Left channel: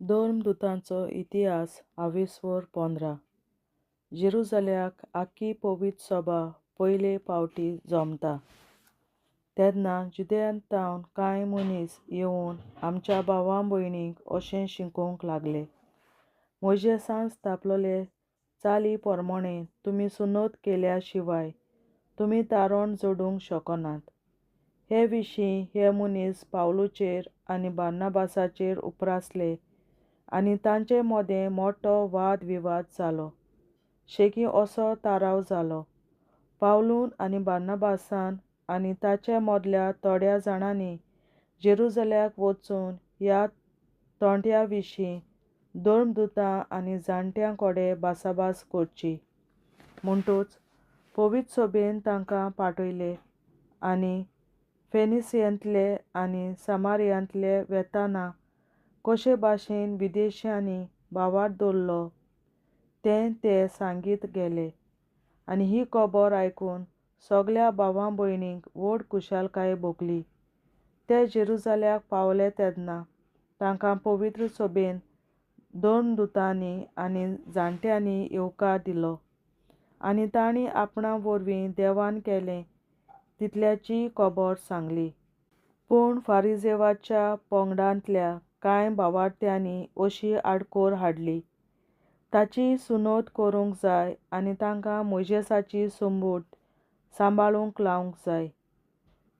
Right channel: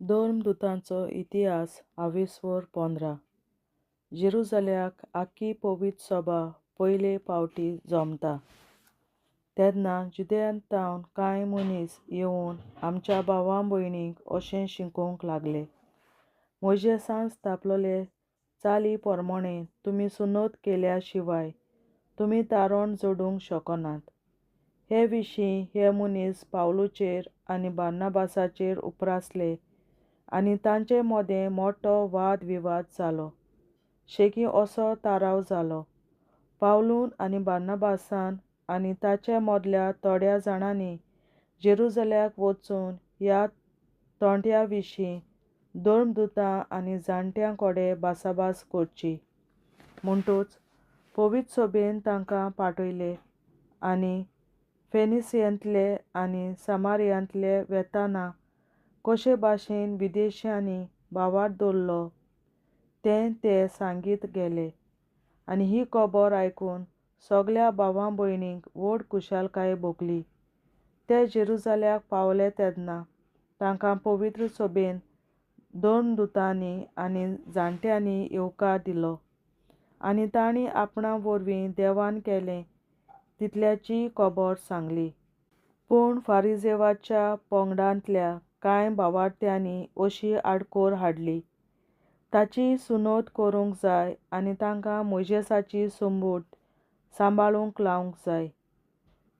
दोन दुतांचो इतिहास 20:15 जेरुसल्याक आख्खी पवित्र सभा पयले फावटी जमता तेन्ना जुदेयांतावन कांय मनीस येवन आमच्या भावां भयणींक अशें शिकोवंक लागले. मोइशेसान स्थापलोले चाली पोरमोणें तुमी सुनोत केल्या शिवाय तुमी तारण जोडूंक शकनात. हे विशीं हे मनीस पावलुचेर आनी बार्नाबासाचेर उप्रासले आनी तांचे मोदें मोठो वाद विवाद जालो. शेगी असो थाराव जालो. पावलून आनी बार्नाबासान आनी ताचे मदल्या थोड्या जाणांनी जेरुसल्याक वचून ह्या तोंट्या विशीं धर्मदुतां आनी जाणट्यां कडेन भासाभास करची. म्हणटूच पवित्र सभेन तांकां पाठयले आनी फेनिसियांतले आनी सामारियांतले वेताना कशे भाशेन विदेशांनी भावार्थ दवरलो तें ते सांगीत गेले. आनी ही खबर आयकून सगल्या भावां भयणींक व्हड खुशालकाय भोगली. ते जेरुसल्याक पावले तेन्ना तांकां पवित्र सभेन धर्मदुतांनी आनी जाणट्यांनी येवकार दिलो आनी तांणी आपणा वरवीं देवान केलें तितल्याची खबर सांगली. पूण फारिसेवाच्या पंगडांतल्या कांय भावार्थ्यांनी अशी आडखोर हाडली. ताची सुनोत करूंक जाय आनी तांकां मोइशेसाची संबूड सांबाळूंक लावंक जाय.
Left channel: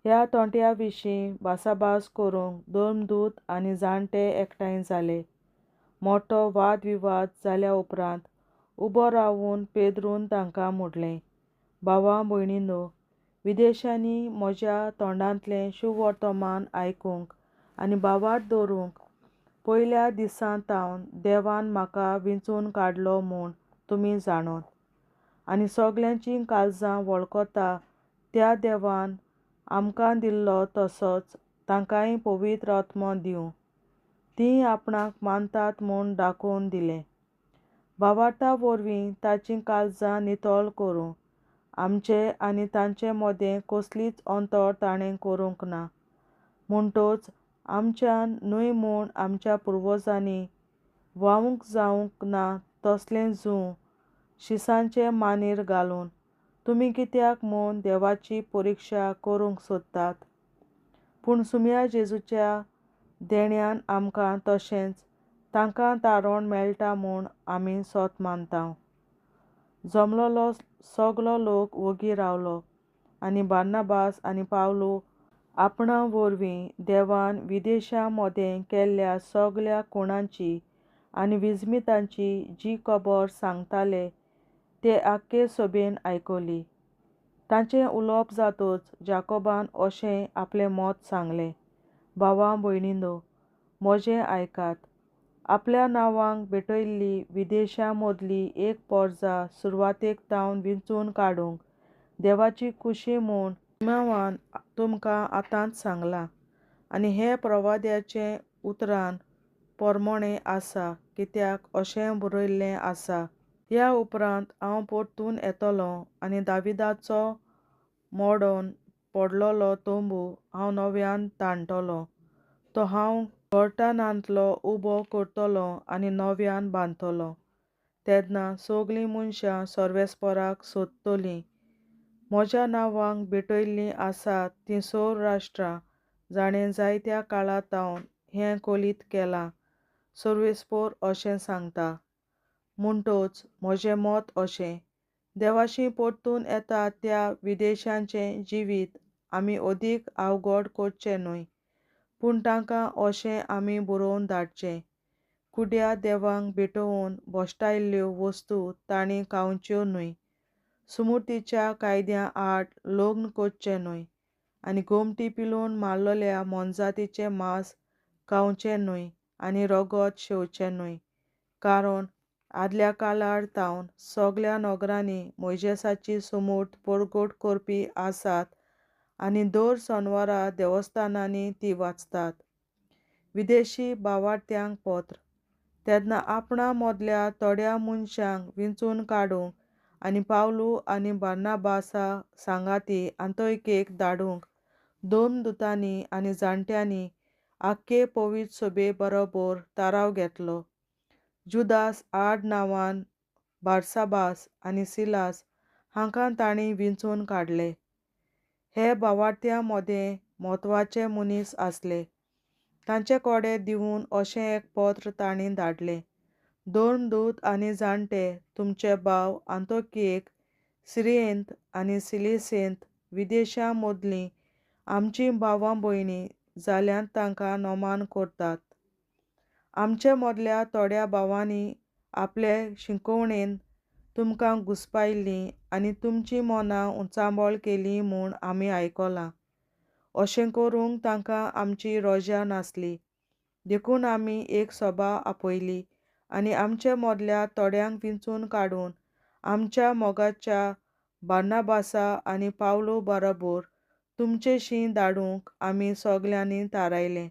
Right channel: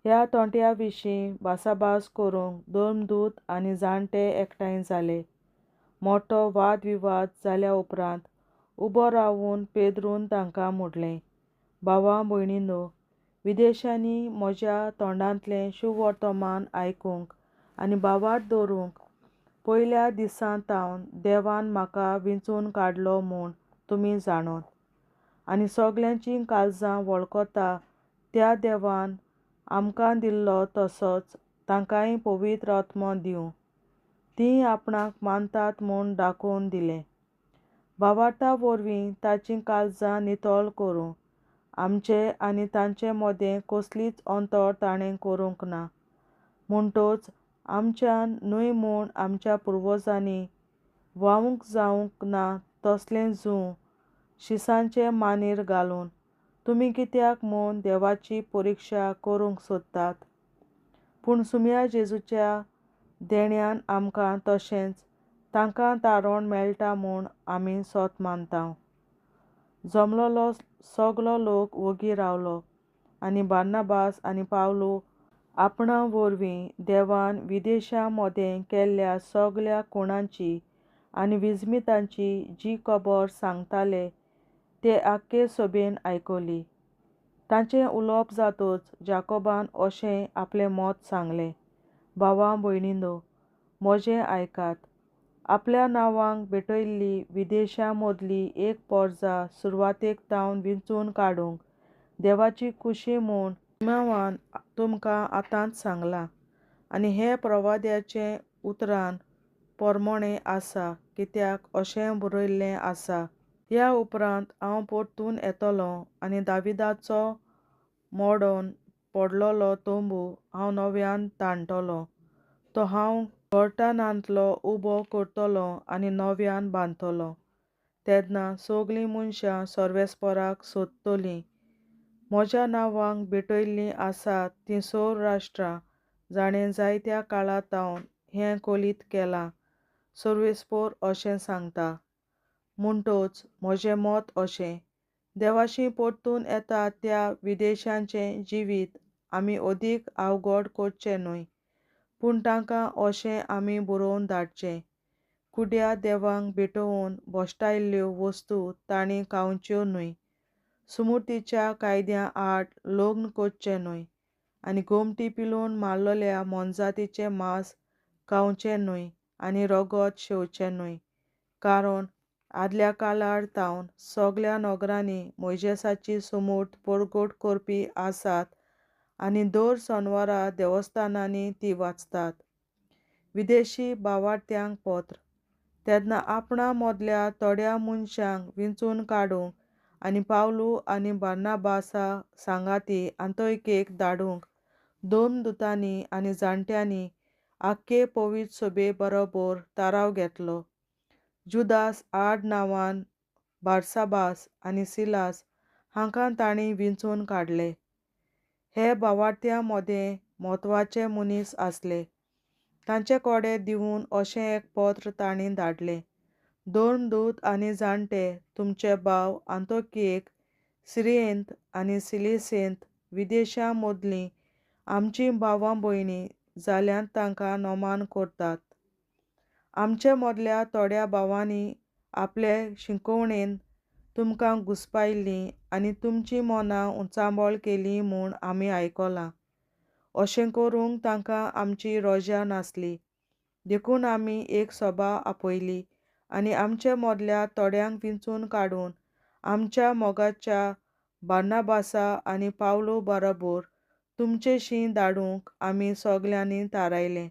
ह्या तोंट्या विशीं भासाभास करूंक धर्मदूत आनी जाणटे एकठांय जाले. मोठो वाद विवाद जाल्या उपरांत उबो रावन पेद्रून तांकां म्हणलें, भावां भयणींनो, विदेशांनी म्हज्या तोंडांतलें शुभ वर्तमान आयकूंक आनी भावार्थ दवरूंक पयल्या दिसांतावन देवान म्हाका वेंचून काडलो म्हूण तुमी जाणोत. आनी सगल्यांचीं काळजां वळखता त्या देवान आमकां दिल्लो तसोच तांकांय पवित्र आत्मो दिवं. तीं आपणाक मानतात म्हूण दाखोवन दिलें. भावार्था वरवीं तांचीं काळजां नितळ करूं. आमचे आनी तांचे मोदें कसलीच अंतर ताणें करूंक ना. म्हणटूच आमच्यान न्हय म्हूण आमच्या पुर्वजांनी वावूंक जावंक ना तसलें जूं शिसांचे मांडीर घालून तुमी कित्याक म्हूण देवाची परिक्षा करूंक सोदतात. पूण सुम्या जेजूच्या देण्यान आमकां तशेंच तांकां तारण मेळटा म्हूण आमी सोत मानतांव. जमलोलो सगलो लोक वोगी रावलो आनी बार्नाबास आनी पावलू आपणा वरवीं देवान विदेशां मोदें केल्ल्या सगल्या खुणांची आनी विस्मितांची जी खबर सांगताले ते आख्खे सभेन आयकली. तांचें उलोवप जातूच जाकोबान अशें आपलें मत सांगलें, भावां भयणींनो, म्हजें आयकात. आपल्या नांवांक भेटयल्ली विदेशां मदली एक पोरजा सुरवातेक तावन वेंचून काडूंक देवाची खुशी म्हूण निमावान तुमकां आतांच सांगलां. आनी हें प्रवाद्याचे उतरां पोरमोणें आसा कित्याक अशें बरयल्लें आसा, ह्या उपरांत हांव परतून येतलों आनी दाविदाचो मोडोन पडलोलो तोंबू हांव नव्यान ताणतलों. तो हांव घोळटांतलो उबो करतलों आनी नव्यान बांदतलों. तेन्ना सगलीं मनशां सर्वेस्पराक सोदतलीं. म्हज्या नांवांक भेटयल्लीं आसात तीं सगळीं राष्ट्रां जाणें जायत्या काळांतावन हें कलीत केलां, सर्वेस्पर अशें सांगता. म्हणटूच म्हजें मत अशें, देवाशी परतून येता त्या विदेशांचें जिवीत आमी अदीक अवघड करचें न्हय, पूण तांकां अशें आमी बरोवन धाडचें. कुड्या देवाक भेटोवन भोश्टायल्ल्यो वस्तू तांणी खावच्यो न्हय, सुमृतीच्या कायद्या आड लग्न करचें न्हय आनी घुमटी पिलोवन मारलोल्या मोनजातीचें मांस खावचें न्हय आनी रगत शेवचें न्हय. कारण आदल्या काळार तावन सगल्या नोकरांनी मोइशेसाची सुमूट परगट करपी आसात आनी दर शेनवारा देवस्थानांनी ती वाचतात. विदेशी भावार्थ्यांक पत्र. तेन्ना आपणा मदल्या थोड्या मनशांक वेंचून काडूंक आनी पावलू आनी बार्नाबासा सांगाती आंतोकियेक धाडूंक धर्मदुतांनी आनी जाणट्यांनी आख्खे पवित्र सभे बरोबर ताराव घेतलो. जुदास आड नांवान बारसाबास आनी सिलास हांकां तांणी विंचून काडले. हे भावार्थ्यां मदें म्हत्वाचे मनीस आसले. तांचे कोडे दिवन अशें एक पत्र तांणी धाडलें. 2 दूत आनी जाणटे तुमचे भाव आंतोकियेक, सिरियेंत आनी सिलिसेंत विदेशां मदलीं आमचीं भावां भयणी जाल्यांत तांकां नोमान करतात. आमचे मदल्या थोड्या भावांनी आपले शिंकवणेन तुमकां घुस्पायल्लीं आनी तुमचीं मनां उचांबळ केलीं म्हूण आमी आयकलां. अशें करूंक तांकां आमची रोजा नासली. देखून आमी एक सभा आपयली आनी आमचे मदल्या थोड्यांक विंचून काडून आमच्या मोगाच्या बार्नाबासा आनी पावलो बरोबर तुमचेशीं धाडूंक आमी सगल्यांनी थारायलें.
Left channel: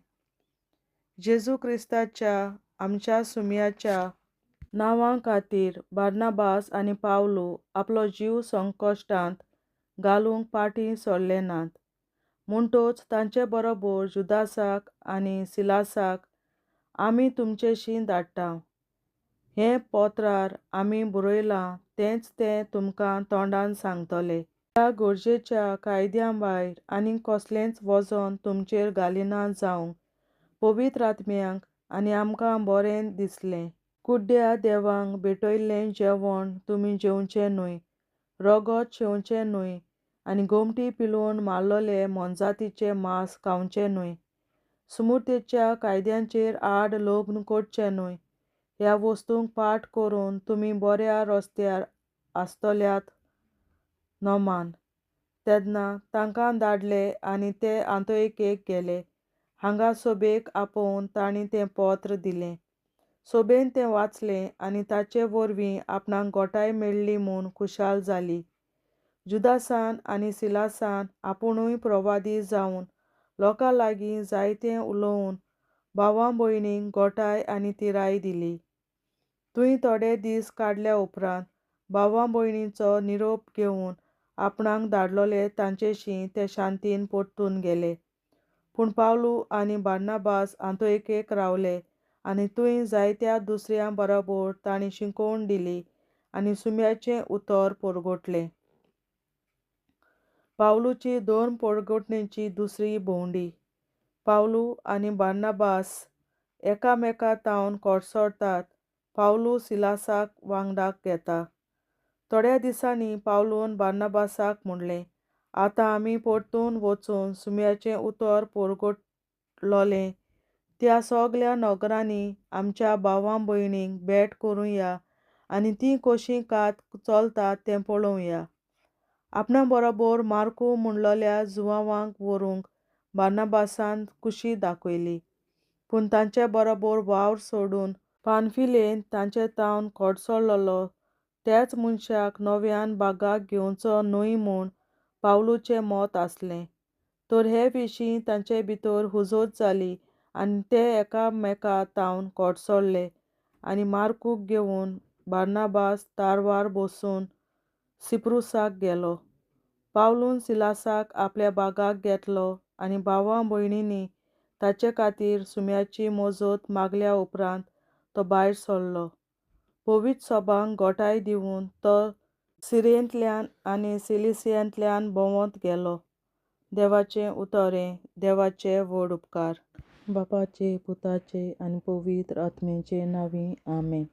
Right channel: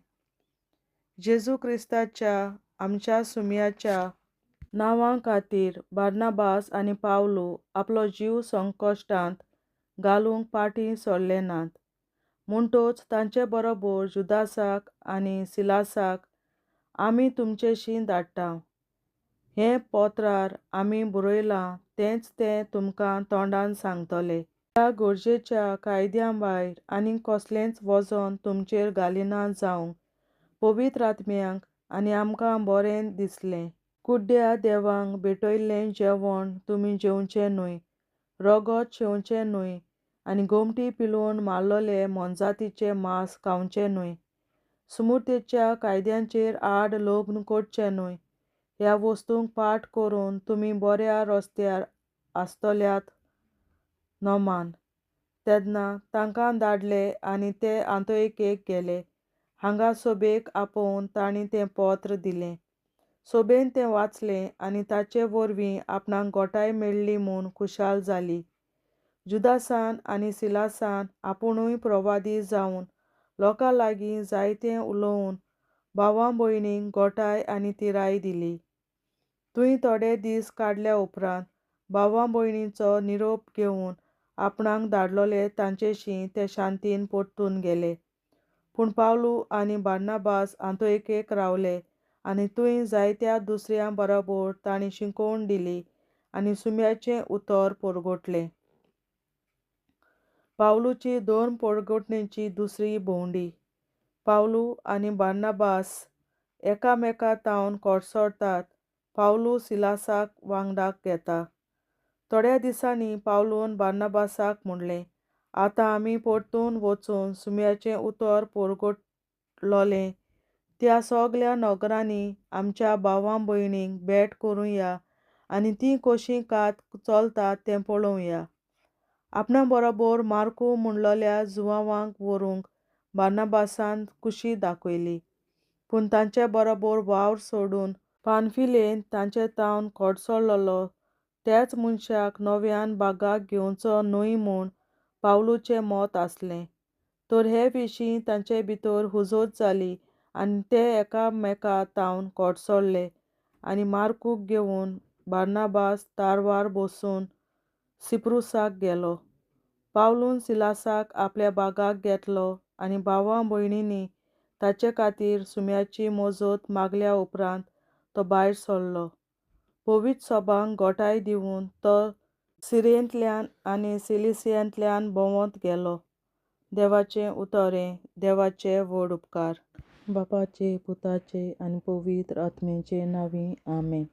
जेजू क्रिस्ताच्या आमच्या सुमयाच्या नांवा खातीर बार्नाबास आनी पावलो आपलो जीव संकश्टांत घालूंक फाटीं सरले नात. म्हणटच तांचे बरोबर जुदासाक आनी सिलासाक आमी तुमचेशीं धाडटा. हें पत्रार आमी बरयलां तेंच ते तुमकां तोंडान सांगतले. ह्या गरजेच्या कायद्या भायर आनीक कसलेंच वजन तुमचेर घालिना जावंक पवित्र आत्म्यांक आनी आमकां बरें दिसलें. कुड्ड्या देवाक भेटयल्लें जेवण तुमी जेवचें न्हय, रगत शेवचें न्हय आनी गोमटी पिलोवन मारलोलें मोनजातीचें मांस खावचें न्हय. सुमुर्तेच्या कायद्यांचेर आड लग्न करचें न्हय. ह्या वस्तूंक फाट करून तुमी बऱ्या रस्त्यार आसतल्यात नोमान. तेन्ना तांकां धाडले आनी ते आंतोकियेक गेले. हांगा सभेक आपोवन तांणी तें पत्र दिलें. सभेन तें वाचलें आनी ताचे वरवीं आपणाक घोटाय मेळ्ळी म्हूण खुशाल जाली. जुदासान आनी सिलासान आपुणूय प्रवादी जावन लोकां लागीं जायतें उलोवन भावां भयणींक घोटाय आनी तिराय दिली. थंय थोडे दीस काडल्या उपरांत भावां भयणींचो निरोप घेवन आपणाक धाडलोले तांचेशीं ते शांतीन परतून गेले. पूण पावलो आनी बार्नाबास आंतोकियेक रावले आनी थंय जायत्या दुसऱ्यां बरोबर तांणी शिकवण दिली आनी सुमयाचें उतर परगटलें. पावलोची 2 परगटणेची दुसरी भोंवडी. पावलो आनी बार्नाबास एकामेका तावन कोडसोडटात. पावलो सिलासाक वांगडाक घेता. थोड्या दिसांनी पावलोन बार्नाबासाक म्हणलें, आतां आमी परतून वचून सुमयाचें उतर परगटलोलें त्या सगल्या नगरांनी आमच्या भावां भयणींक भेट करुया आनी तीं कशीं कात चलतात तें पळोवया. आपणा बरोबर मार्कू म्हणलोल्या जुवांवाक व्हरूंक बार्नाबासान खुशी दाखयली. पूण तांचे बरोबर वावर सोडून पानफिलेंत तांचे तावन कोडसोडलोलो त्याच मनशाक नव्यान भागाक घेवचो न्हय म्हूण पावलोचें मत आसलें. तर हे विशीं तांचे भितर हुजत जाली आनी ते एकामेका तावन कोडसोडले आनी मार्कूक घेवन बार्नाबास तारवार बसून सिप्रुसाक गेलो. पावलोन सिलासाक आपल्या भागाक घेतलो आनी भावां भयणींनी ताचे खातीर सुमयाची मजत मागल्या उपरांत तो भायर सरलो. पवित्र सभांक घोटाय दिवन तो सिरियेंतल्यान आनी सिलिसियांतल्यान भोंवत गेलो. देवाचें उतरें. देवाचे व्हड उपकार. बापाचे, पुताचे आनी पवित्र आत्म्याचे नांवीं आमेन.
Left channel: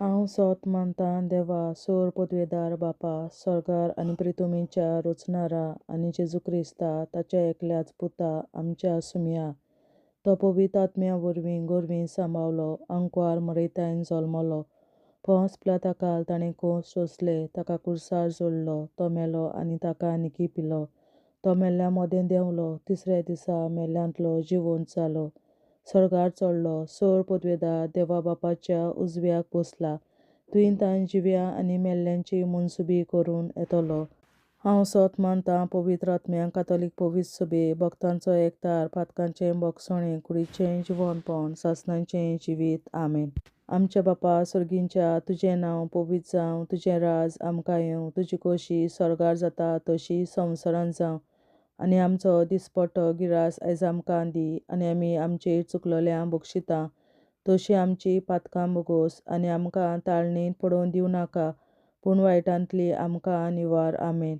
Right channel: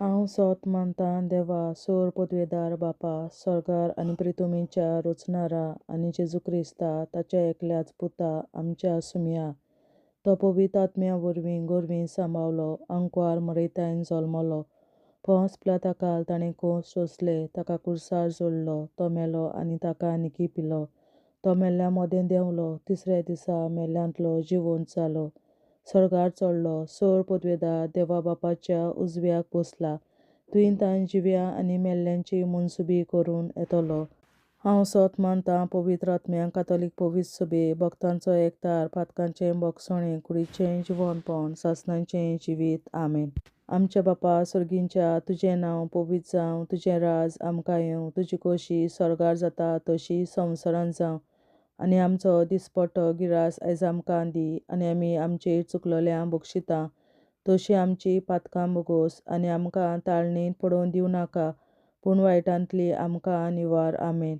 हांव सोत मानतां देवा सोर पदवेदार बापा, सर्गार आनी पृथ्वीच्या रचणारा आनी जेजू क्रिस्ता ताच्या एकल्याच पुता आमच्या सुमया. तो पवित्र आत्म्या वरवीं गोरवीं सांबावलो, आंकवार मरयतायन जल्मलो. पोंस पिलाताकाल ताणें खूंस सोंसले, ताका क्रुसार जोडलो. तो मेलो आनी ताका निखिपिलो. तो मेल्ल्या मदें देंवलो. तिसऱ्या दिसा मेल्ल्यांतलो जिवंत जालो. सर्गार चडलो. सोर पदवेदार देवा बापाच्या उजव्याक बसला. थंय तांय जिव्या आनी मेल्ल्यांची मनसुबी करून येतलो. हांव सोत मानतां पवित्र आत्म्यांक, कातोलीक पवित्र सभे, भक्तांचो एकठार, पातकांचें भोगसणें, कुडीचें जिवंतपण, सासणाचें जिवीत. आमेन. आमचे बापा सर्गींच्या, तुजें नांव पवित्र जावं, तुजें राज आमकां येवं, तुजी खोशी सर्गार जाता तशी संवसारांत जावं. आनी आमचो दिसपट्टो गिरास आयज आमकां दी, आनी आमी आमचे चुकलोल्यांक बक्षिता तशी आमची पातकां बोगोस, आनी आमकां ताळणेंत पडोवन दिवं नाका, पूण वायटांतली आमकां निवार. आमेन.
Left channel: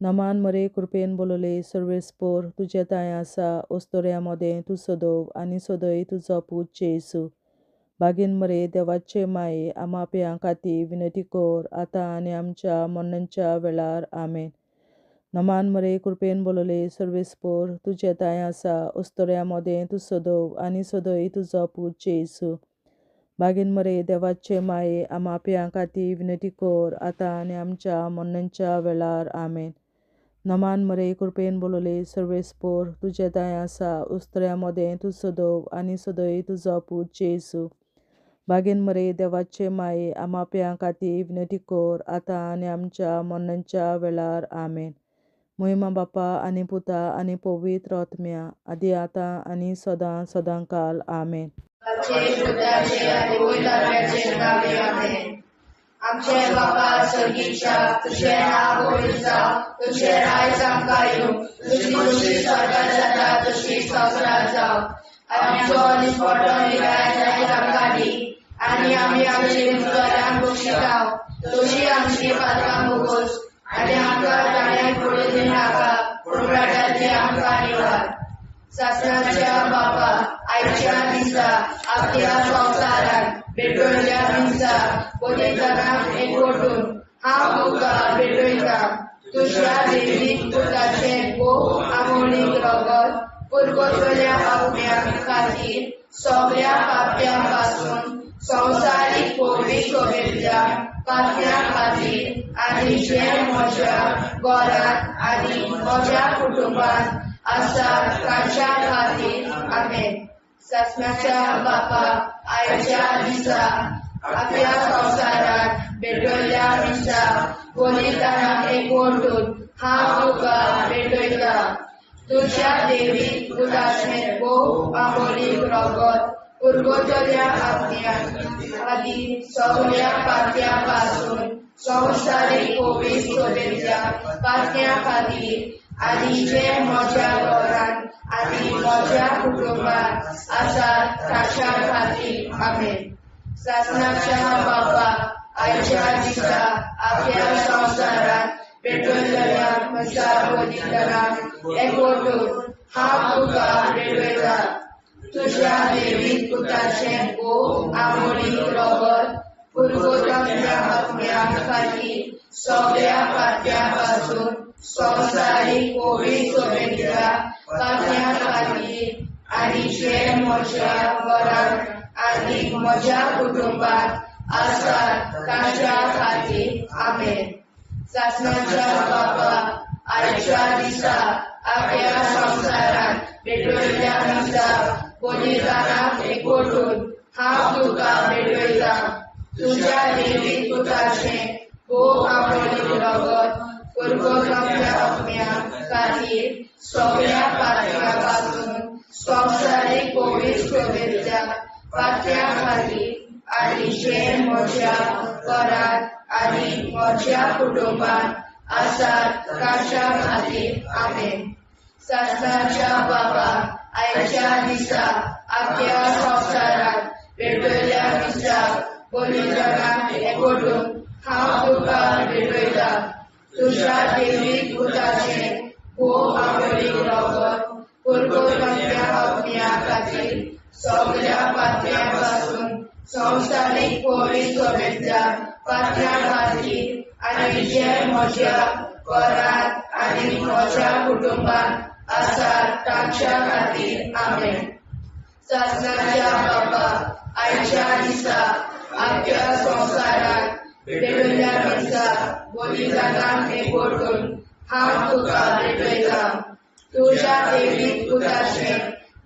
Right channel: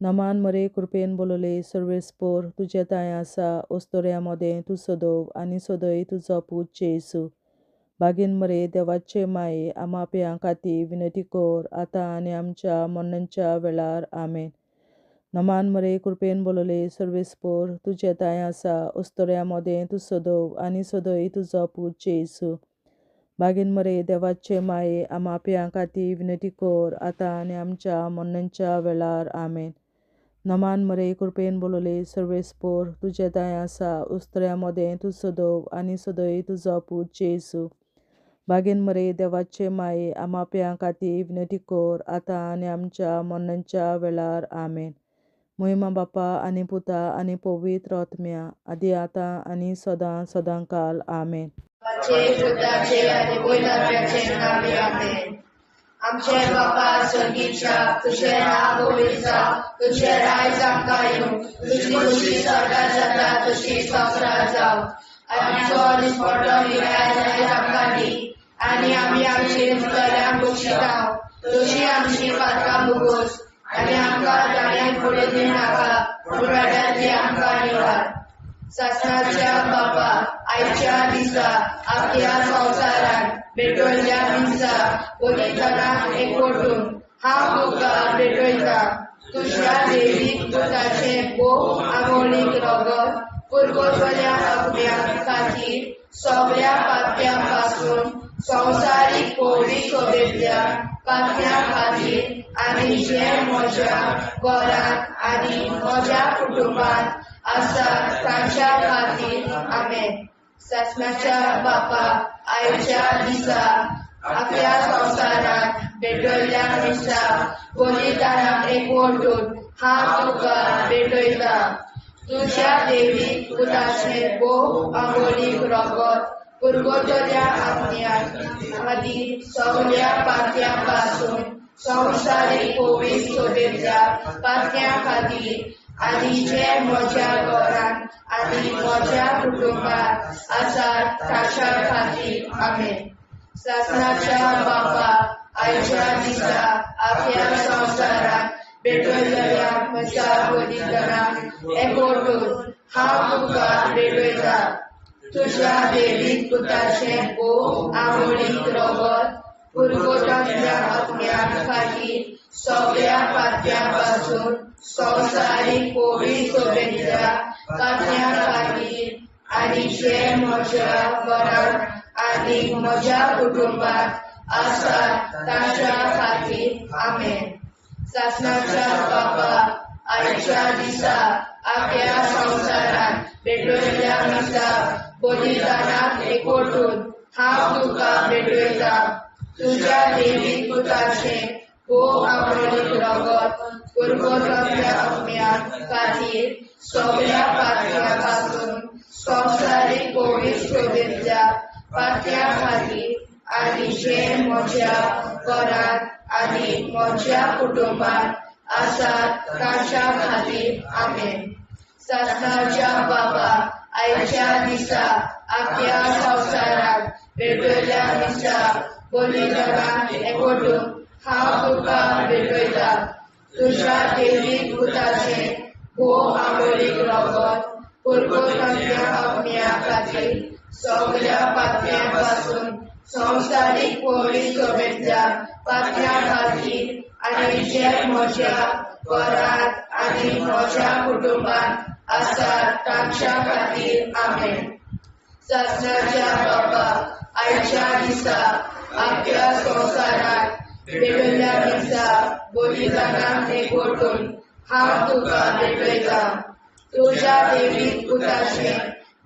नमान मरे कृपेन बोलोले सर्वेस्पोर तुजे ताय आसा, ओस्तोऱ्या मोदें तूं सदोव आनी सदय तुजो पूत जेसू. बागीन मरे देवाचे माये आमाप्यां खातीर विनंती कोर, आतां आनी आमच्या मरणाच्या वेळार. आमेन. नमान मरे कृपेन बोलोले सर्वेस्पोर तुजे ताय आसा, ओस्तोऱ्या मोदें तूं सदोव आनी सदय तुजो पूत जेसू. बागीन मरे देवाचे माये आमाप्यां खातीर विनंती कोर, आतां आनी आमच्या मरणाच्या वेळार. आमेन. नमान मरे कृपेन बोलोले सर्वेस्पोर तुजे ताय आसा, ओस्तोऱ्या मोदें तूं सदोव आनी सदय तुजो पूत जेसू. बागीन मरे देवाचे माये आमाप्यां खातीर विनंती कोर, आतां आनी आमच्या मरणाच्या वेळार. आमेन. महिमा बापा आनी पुता आनी पवित्र आत्म्या, आदी आतां आनी सदां सदांकाल. आमेन. आमचे बापा स्वर्गीच्या, तुझे नाव पवित्र जावं, तुझे राज्य आमकां येवं, तुझी खुशी स्वर्गांत जाता तशी संवसारांत जावं. आमचो दिसपट्टो गिरास आयज आमकां दी, आनी आमी आमचे चुकलोल्यांक बक्षिता तशी आमची पातकां बोगोस, आनी आमकां ताळणेंत पडोवन दिवं नाका, पूण वायटांतली आमकां निवार. सासणाच्या बापा, आयच्या दिसा आख्या संवसारांत भेटवयल्या दिसा पवित्रांक एकवटून हांव तुका भेटयता. तुज्या दैवीक पुताचें भोव आमोणीक रगत पुरगोसल्या आत्म्या खातीर सगळ्या पाप्यां पासून संवसारीक पवित्र सोबेतल्या पाप्यां खातीर आनी जे म्हज्या घरांत आनी म्हज्या कुटुंबांत आसा तांच्या खातीर. आमेन. सासणाच्या बापा, आयच्या दिसा आख्या संवसारांत भेटवयल्या दिसा पवित्रांक एकवटून हांव तुका भेटयता. तुज्या दैवीक पुताचें भोव आमोणीक रगत पुरगोसल्या आत्म्या खातीर सगळ्या पाप्यां पासून संवसारीक पवित्र सोबेतल्या पाप्यां खातीर आनी जे म्हज्या घरांत आनी म्हज्या कुटुंबांत आसा तांच्या खातीर. आमेन. सासणाच्या बापा, आयच्या दिसा आख्या संवसारांत भेटवयल्या म्हज्या पवित्रांक एकवटून हांव तुका भेटयता. तुज्या दैवीक पुताचें भोव आमोणीक रगत पुरगोसल्या आत्म्या खातीर सगळ्या पाप्यां पासून संवसारीक पवित्र सोबेतल्या पाप्यां खातीर आनी जे म्हज्या घरांत आनी म्हज्या कुटुंबांत आसा तांच्या खातीर. आमेन. सासणाच्या बापा, आयच्या दिसा आख्या संवसारांत भेटवयल्या दिसा पवित्रांक एकवटून हांव तुका भेटयता. तुज्या दैवीक पुताचें भोव आमोणीक रगत पुरगोसल्या आत्म्या खातीर सगळ्या पाप्यां पासून संवसारीक पवित्र सोबेतल्या पाप्यां खातीर आनी जे म्हज्या घरांत आनी म्हज्या कुटुंबांत आसा तांच्या खातीर. आमेन. सासणाच्या बापा, आयच्या दिसा आख्या संवसारांत भेटवयल्या दिसा पवित्रांक एकवटून हांव तुका भेटयता. तुज्या दैवीक पुताचें भोव आमोणीक रगत पुरगोसल्या आत्म्या खातीर सगळ्या पाप्यां पासून संवसारीक पवित्र सोबेतल्या पाप्यां खातीर आनी जे म्हज्या घरांत आनी म्हज्या कुटुंबांत आसा तांच्या खातीर. आमेन. सासणाच्या बापा, आयच्या दिसा आख्या संवसारांत भेटवयल्या दिसा पवित्रांक एकवटून हांव तुका भेटयता. तुज्या दैवीक पुताचें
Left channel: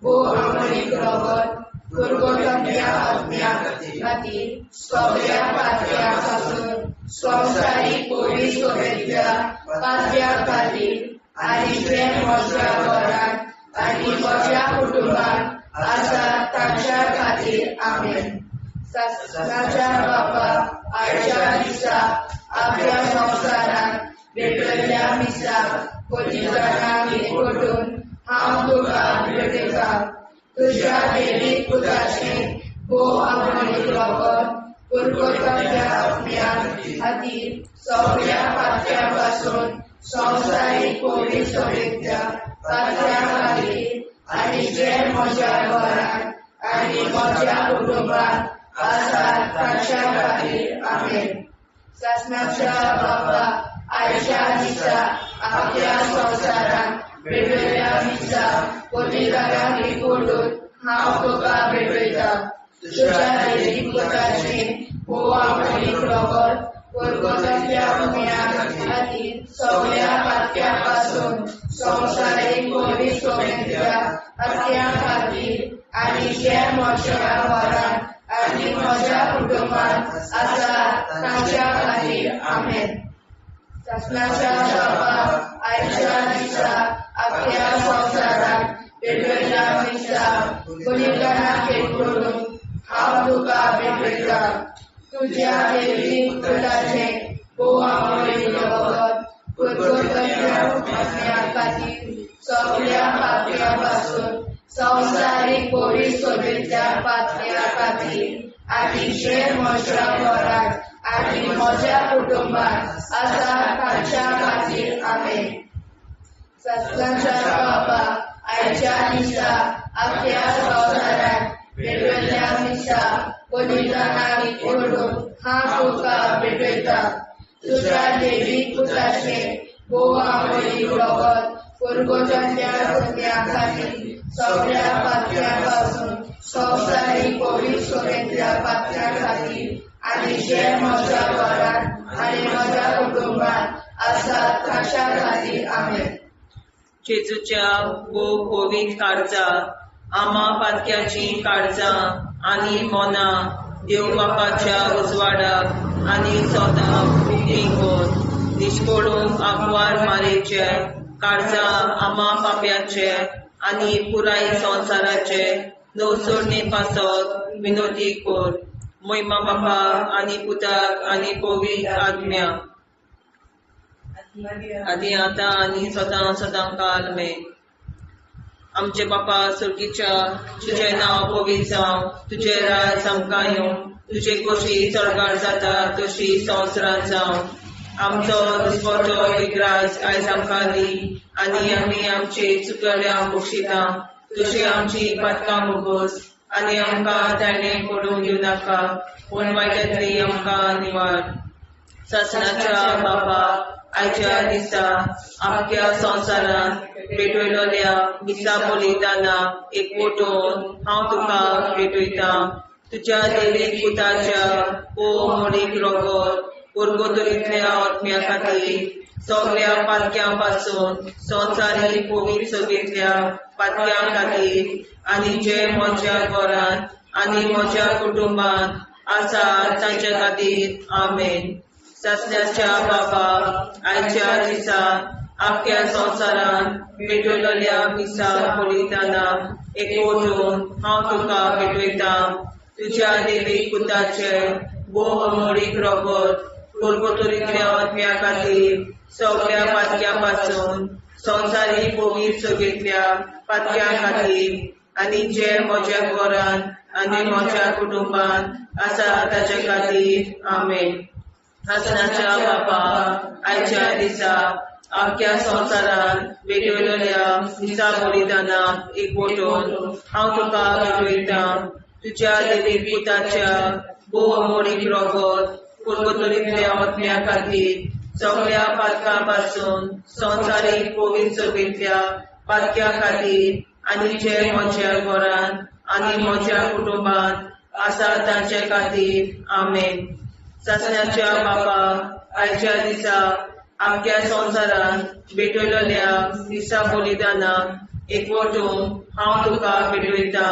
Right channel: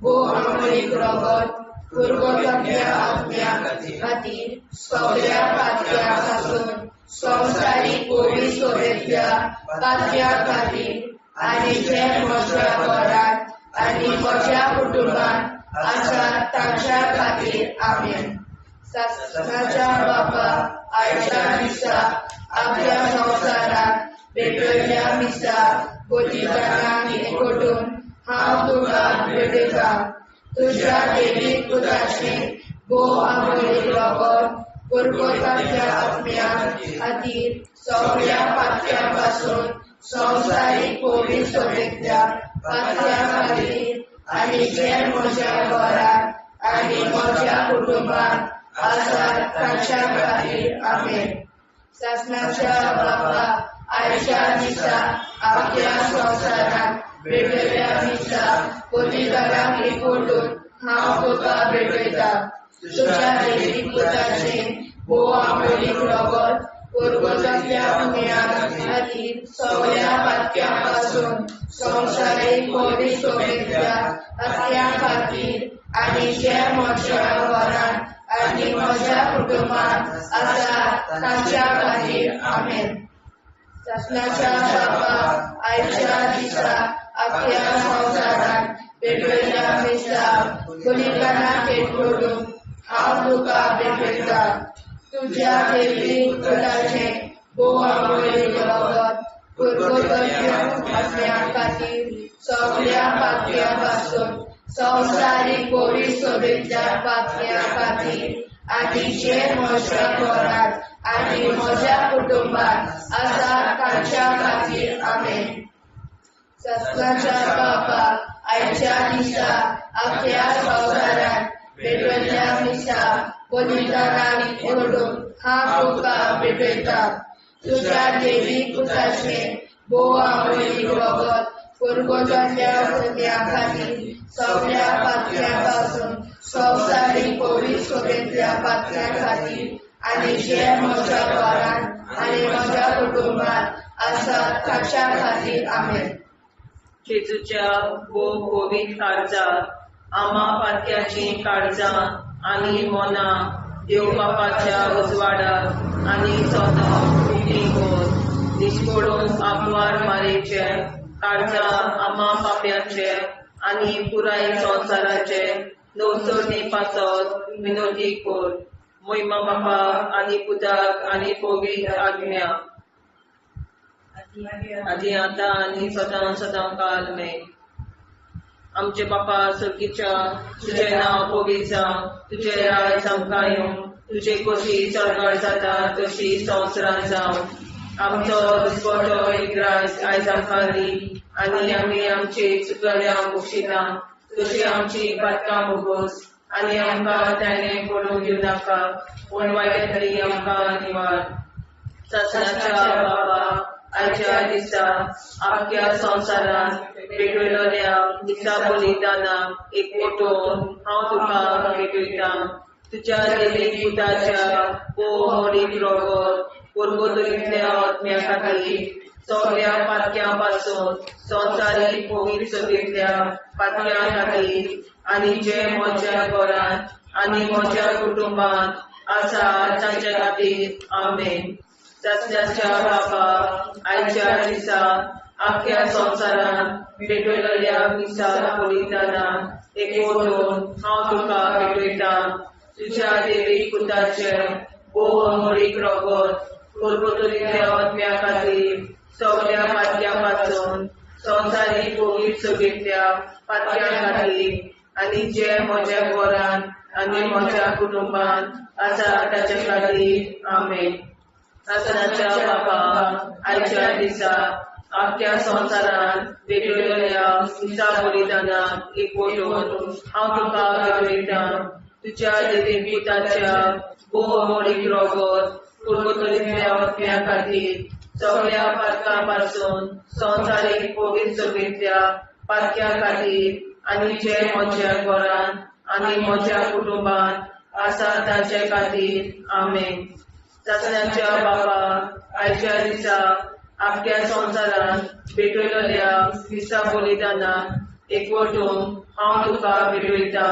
भोव आमोणीक रगत पुरगोसल्या आत्म्या खातीर सगळ्या पाप्यां पासून संवसारीक पवित्र सोबेतल्या पाप्यां खातीर आनी जे म्हज्या घरांत आनी म्हज्या कुटुंबांत आसा तांच्या खातीर. आमेन. सासणाच्या बापा, आयच्या दिसा आख्या संवसारांत भेटवयल्या दिसा पवित्रांक एकवटून हांव तुका भेटयता तुज्या देवीक पुताचें भोव आमोलीक रगत परगटाच्या आत्म्या खातीर सगळ्या पातक्या पासून संवसारीक पवित्रतेच्या पातक्या खातीर आनी जे म्हज्या घरांत आनी म्हज्या कुटुंबांत आसात तांच्या खातीर आमेन. शासनाच्या बाबा आयच्या दिसा आपल्या संवसारांत भेटयल्या दिसा पवित्रांक एकवटून हांव तुका भेटयता तुज्या देवीक पुताचें भोव आमोलीक रगत परगटाच्या पुण्या खातीर सगळ्या पातक्या पासून संवसारीक पवित्रतेच्या पातक्या खातीर आनी जे म्हज्या घरांत आनी म्हज्या कुटुंबांत आसात तांच्या खातीर आमेन. शासनाच्या बाबा आयच्या दिसा आपल्या संवसारांत भेटयल्या दिसा पवित्रांक एकवटून हांव तुका भेटयता तुज्या देवीक पुताचें भोव आमोलीक रगत परगटाच्या पुण्या खातीर सगळ्या पातक्या पासून संवसारीक पवित्रतेच्या पातक्या खातीर आनी जे म्हज्या घरांत आनी म्हज्या कुटुंबांत आसात तांच्या खातीर आमेन. शासनाच्या बाबा आयच्या दिसा आपल्या संवसारांत भेटयल्या दिसा पवित्रांक एकवटून हांव तुका भेटयता तुज्या देवीक पुताचें भोव आमोलीक रगत परगटाच्या पुण्या खातीर सगळ्या पातक्या पासून संवसारीक पवित्रतेच्या पातक्या खातीर आनी जे म्हज्या घरांत आनी म्हज्या कुटुंबांत आसात तांच्या खातीर आमेन. जेजूच्या भोव पवित्र काळजा आमा पातक्याची काळजां आनी मोना देव बापाच्या उजवाडाक आनी सदां देखून दिसपडून आग्वाद मारेचे काळजा आमा पाप्याचे आनी पुराय संवसाराचे नवसोरणे पासत विनोदी कोर महिमा बापा आनी पुताक आनी पवित्र आत्म्या आदी आतां आनी सदां सदां काल आमेन. आमचे बापा सर्गीच्या तुझे नांव पवित्र जावं तुझे राज आमकां येवं तुझे कशी सरकार जाता तशी संवसारांत जावं आमचो दिसवटो एक राज आयज आमकां दी आनी आमी आमचे चुकल्यांक बक्षिता तशी आमची पातकां भोगोस आनी आमकां ताणें पडून दिवं नाका पूण वायटांतली आमकां निवार. शासनाच्या बाबा आयच्या दिसा आख्या संवसारांत भेटयलोल्या दिसा बलिदाना एकवटून हांव तुका भेटयता तुज्या देवीक पुताच्या भोव आमोलीक रगत परगटांतल्या आत्म्या खातीर सगळ्या पातक्या पासून संवसारीक पवित्रतेच्या पातक्या खातीर आनी जे म्हज्या घरांत आनी म्हज्या कुटुंबांत आसात तांच्या खातीर आमेन. शासनाच्या बाबा आयच्या दिसा आख्या संवसारांत भेटयलोल्या दिसा बलिदाना एकवटून हांव तुका भेटयता तुज्या देवीक पुताचें भोव आमोलीक रगत परगटांतल्या आत्म्या खातीर सगळ्या पातक्या पासून संवसारीक पवित्रतेच्या पातक्या खातीर आनी जे म्हज्या घरांत आनी म्हज्या कुटुंबांत आसात तांच्या खातीर आमेन. शासनाच्या बाबा आयच्या दिसा आख्या संवसारांत भेटयलोल्या दिसा बलिदाना एकवटून हांव तुका भेटयता तुज्या देवीक पुताच्या भोव आमोलीक रगत परगटांतल्या आत्म्या खातीर सगळ्या पातकां पासून संवसारीक पवित्रतेच्या पातक्या खातीर आनी जे म्हज्या घरांत आनी म्हज्या कुटुंबांत आसात तांच्या खातीर आमेन. शासनाच्या बाबा आयच्या दिसा आख्या संवसारांत भेटयलोल्या दिसा बलिदाना एकवटून हांव तुका भेटयता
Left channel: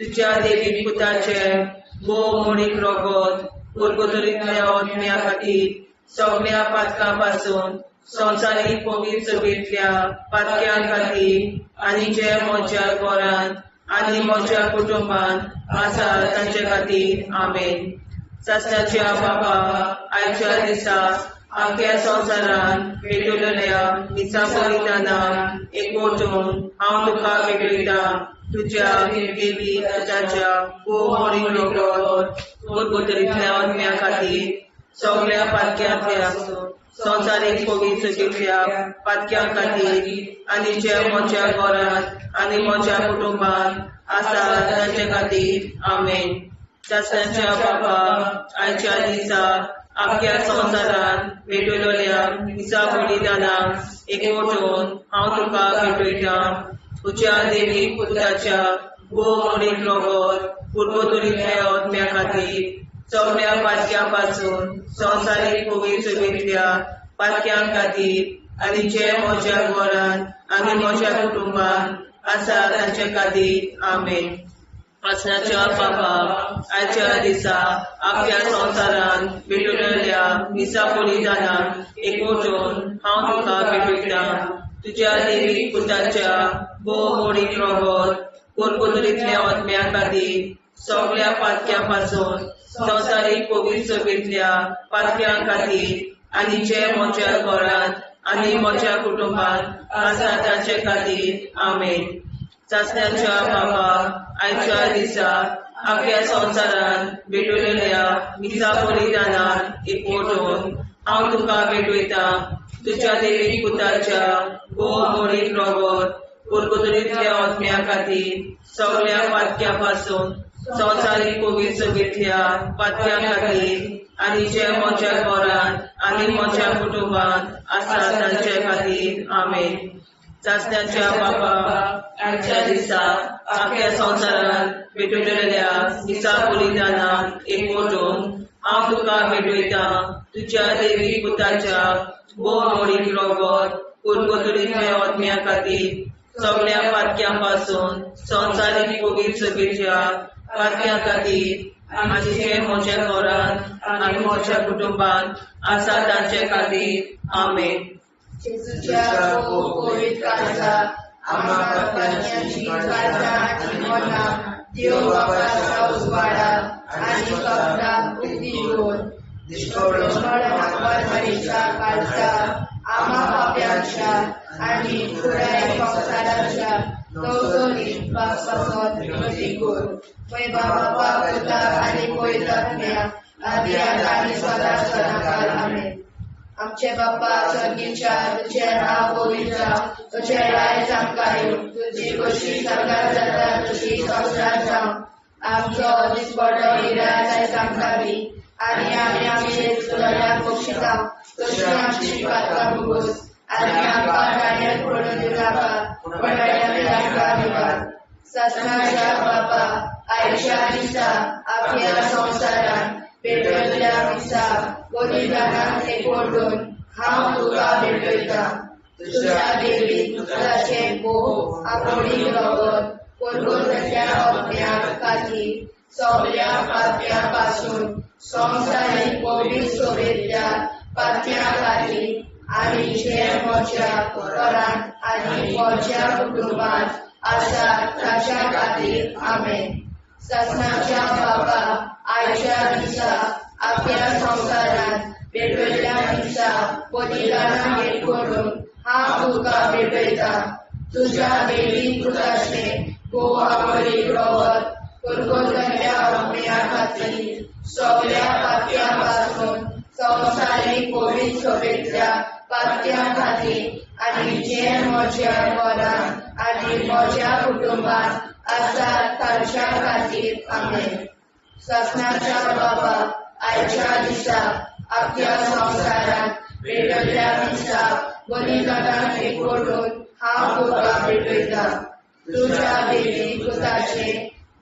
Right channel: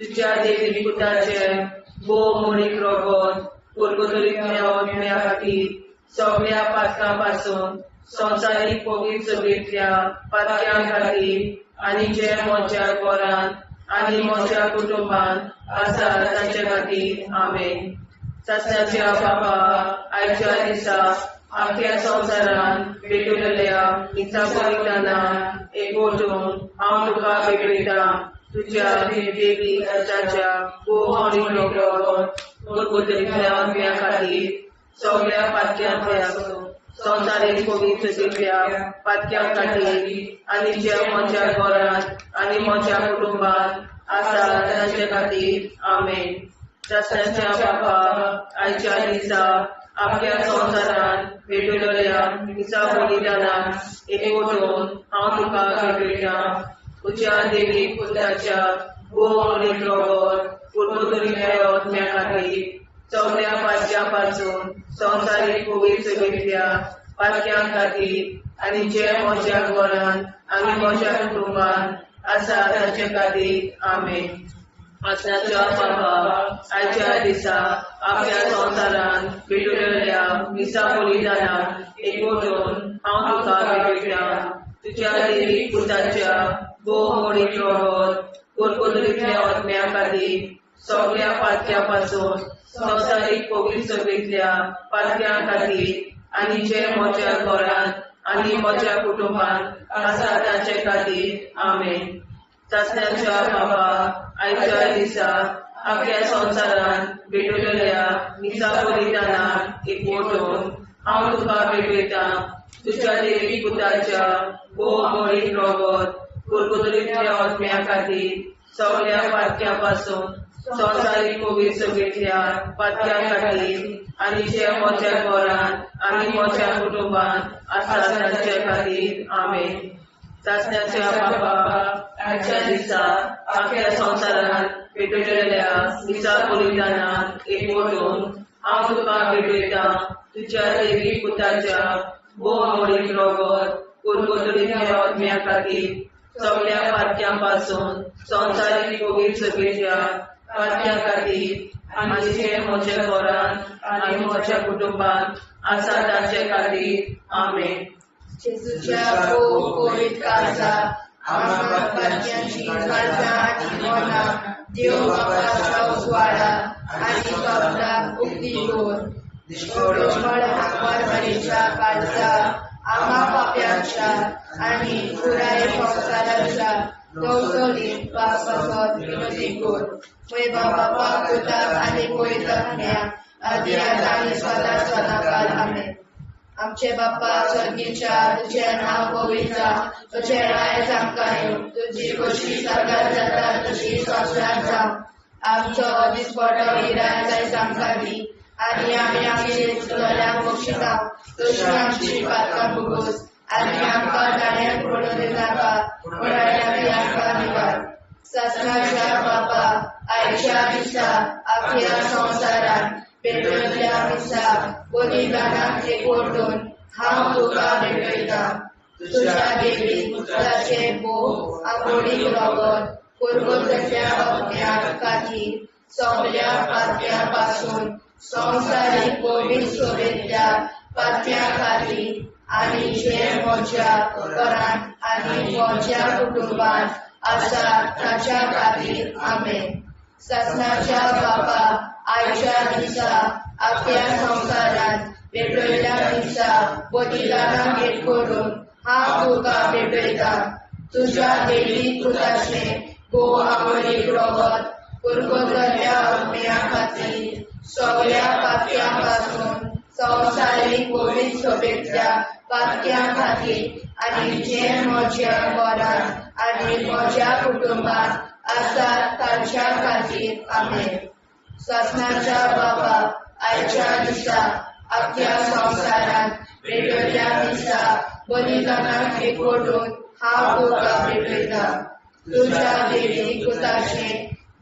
तुज्या देवीक पुताचें भोव आमोलीक रगत परगटांतल्या आत्म्या खातीर सगळ्या पातकां पासून संवसारीक पवित्रतेच्या पातक्या खातीर आनी जे म्हज्या घरांत आनी म्हज्या कुटुंबांत आसात तांच्या खातीर आमेन. शासनाच्या बाबा आयच्या दिसा आख्या संवसारान भेटलेल्या मिसा बलिदानाक एकवटून हांव तुका भेटयता तुज्या देवी ताच्या परगोतरींतल्या आत्म्या खातीर सगळ्या पातक्यांतल्या संवसारीक पवित्रतेच्या पातक्यां खातीर आनी जे म्हज्या घरांत आनी म्हज्या कुटुंबांत आसा तांचे खातीर आमेन. शास्त्राच्या बाबा आयच्या दिसा आख्या संवसारान भेटलेल्या मिसा बलिदानाक एकवटून हांव तुका भेटयता तुज्या देवी पुत्राच्या भोवमणीक रगत परगोतरींतल्या आत्म्या खातीर सगळ्या पातक्यां पासून संवसारीक पवित्रतेंतल्या पातक्यां खातीर आनी जे म्हज्या घरांत आनी म्हज्या कुटुंबांत आसा तांचे खातीर आमेन. आसनाच्या बाबा आयच्या दिसा आख्या संवसारान भेटलेल्या मिसा बलिदानाक एकवटून हांव तुका भेटयता तुज्या देवी पुत्राच्या भोवमणीक रगत परगोतरींतल्या आत्म्या खातीर सगळ्या पातक्यां पासून संवसारीक पवित्रतेंतल्या पातक्यां खातीर आनी जे म्हज्या घरांत आनी म्हज्या कुटुंबांत आसा तांचे खातीर आमेन. चाचण्याच्या बाबा आयच्या दिसा आख्या संवसारान भेटलेल्या मिसा बलिदानाक एकवटून हांव तुका भेटयता तुज्या देवी पुत्राच्या भोवमणीक रगत परगोतरींतल्या आत्म्या खातीर सगळ्या पातक्यां पासून संवसारीक पवित्रतेंतल्या पातक्यां खातीर आनी जे म्हज्या घरांत आनी म्हज्या कुटुंबांत आसा तांचे खातीर आमेन. चाचण्याच्या बाबा आयच्या दिसा आख्या संवसारान भेटलेल्या मिसा बलिदानाक एकवटून हांव तुका भेटयता तुज्या देवी पुत्राच्या भोवमणीक रगत परगोतरींतल्या आत्म्या खातीर सगळ्या पातक्यां पासून संवसारीक पवित्रतेंतल्या पातक्यां खातीर आनी जे म्हज्या घरांत आनी म्हज्या कुटुंबांत आसा तांचे खातीर आमेन. जेजूच्या पवित्र काळजा आम्हा पातक्यांची काळजा आनी मना देव बापाच्या उजवाडा आनी कपडाक उक्ती दोर मरणाच्या काळजा आम्हा पाप्यांच्या आनी पुराय संवसाराच्या नवसरीत पापावर विनती कोर. पै बाबा पिता आनी पवित्रात्म्या आदी आनी सदा सदाकाळ आमेन. आमचे बाप्पा स्वर्गीच्या तुझे नाव पवित्र तुझे राय जावं तुझी कशी सरकार जाता तशी संसारात जावं आमचो दिसपडो हिराय आमकां दी आनी आमी आमची सुदारण्याक बक्षिता तशी आमची पातकां भोगोस आनी आमकां नाण्यार पडून दिनाका पण आमी आमकां दिवार. ससनाच्या बाप्पा आयच्या दिसा आख्या संवसारान भेटलेल्या मिसा बलिदानाक एकवटून हांव तुका भेटयता तुज्या देवी पुत्राचे भोव आमणीक रगत परगोतरींतल्या आत्म्या खातीर सगळ्या पातक्यां पासून संवसारीक पवित्रतेंतल्या पातक्यां खातीर आनी जे म्हज्या घरांत आनी म्हज्या कुटुंबांत आसा ताच्या खातीर आमेन. ससनाच्या बाबा आयच्या दिसा आख्या संवसारान भेटलेल्या मिसा बलिदानाक एकवटून हांव तुका भेटयता तुज्या देवी पुत्राचे भोव आमणीक रगत परगोतरींतल्या आत्म्या खातीर सगळ्या पातक्यां पासून संवसारीक पवित्रतेंतल्या पातक्यां खातीर आनी जे म्हज्या घरांत आनी म्हज्या कुटुंबांत आसा तांच्या खातीर आमेन. ससनाच्या बाबा आयच्या दिसा आख्या संवसारान भेटलेल्या मिसा बलिदानाक एकवटून हांव तुका भेटयता तुज्या देवी पुत्राचे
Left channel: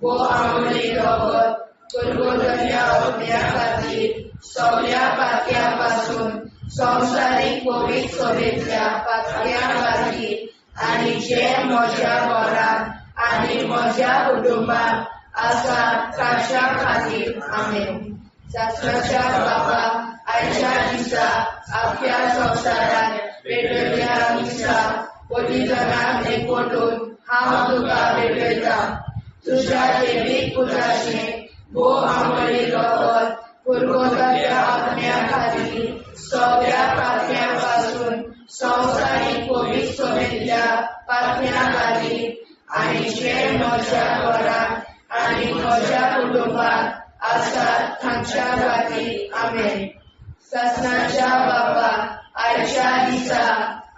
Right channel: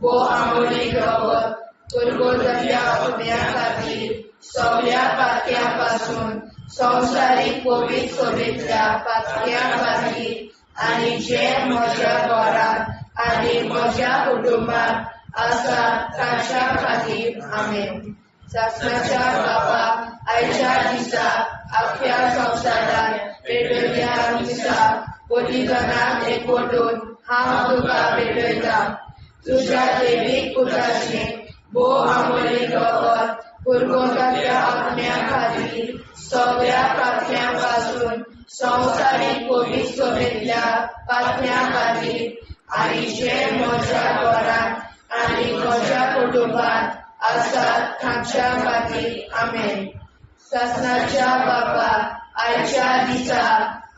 भोव आमणीक रगत परगोतरींतल्या आत्म्या खातीर सगळ्या पातक्यां पासून संवसारीक पवित्रतेंतल्या पातक्यां खातीर आनी जे म्हज्या घरांत आनी म्हज्या कुटुंबांत आसा तांच्या खातीर आमेन. ससनाच्या बाबा आयच्या दिसा आख्या संवसारान भेटलेल्या मिसा बलिदानाक एकवटून हांव तुका भेटयता तुज्या देवी पुत्राचे भोव आमणीक रगत परगोतरींतल्या आत्म्या खातीर सगळ्या पातळ्यांपासून संसारिक कोविड सोबेतल्या पातळ्यां खातीर आनी जे म्हज्या घरांत आनी म्हज्या कुटुंबात आसात तांच्या खातीर आमेन. शासनाच्या बाबा आयच्या दिसा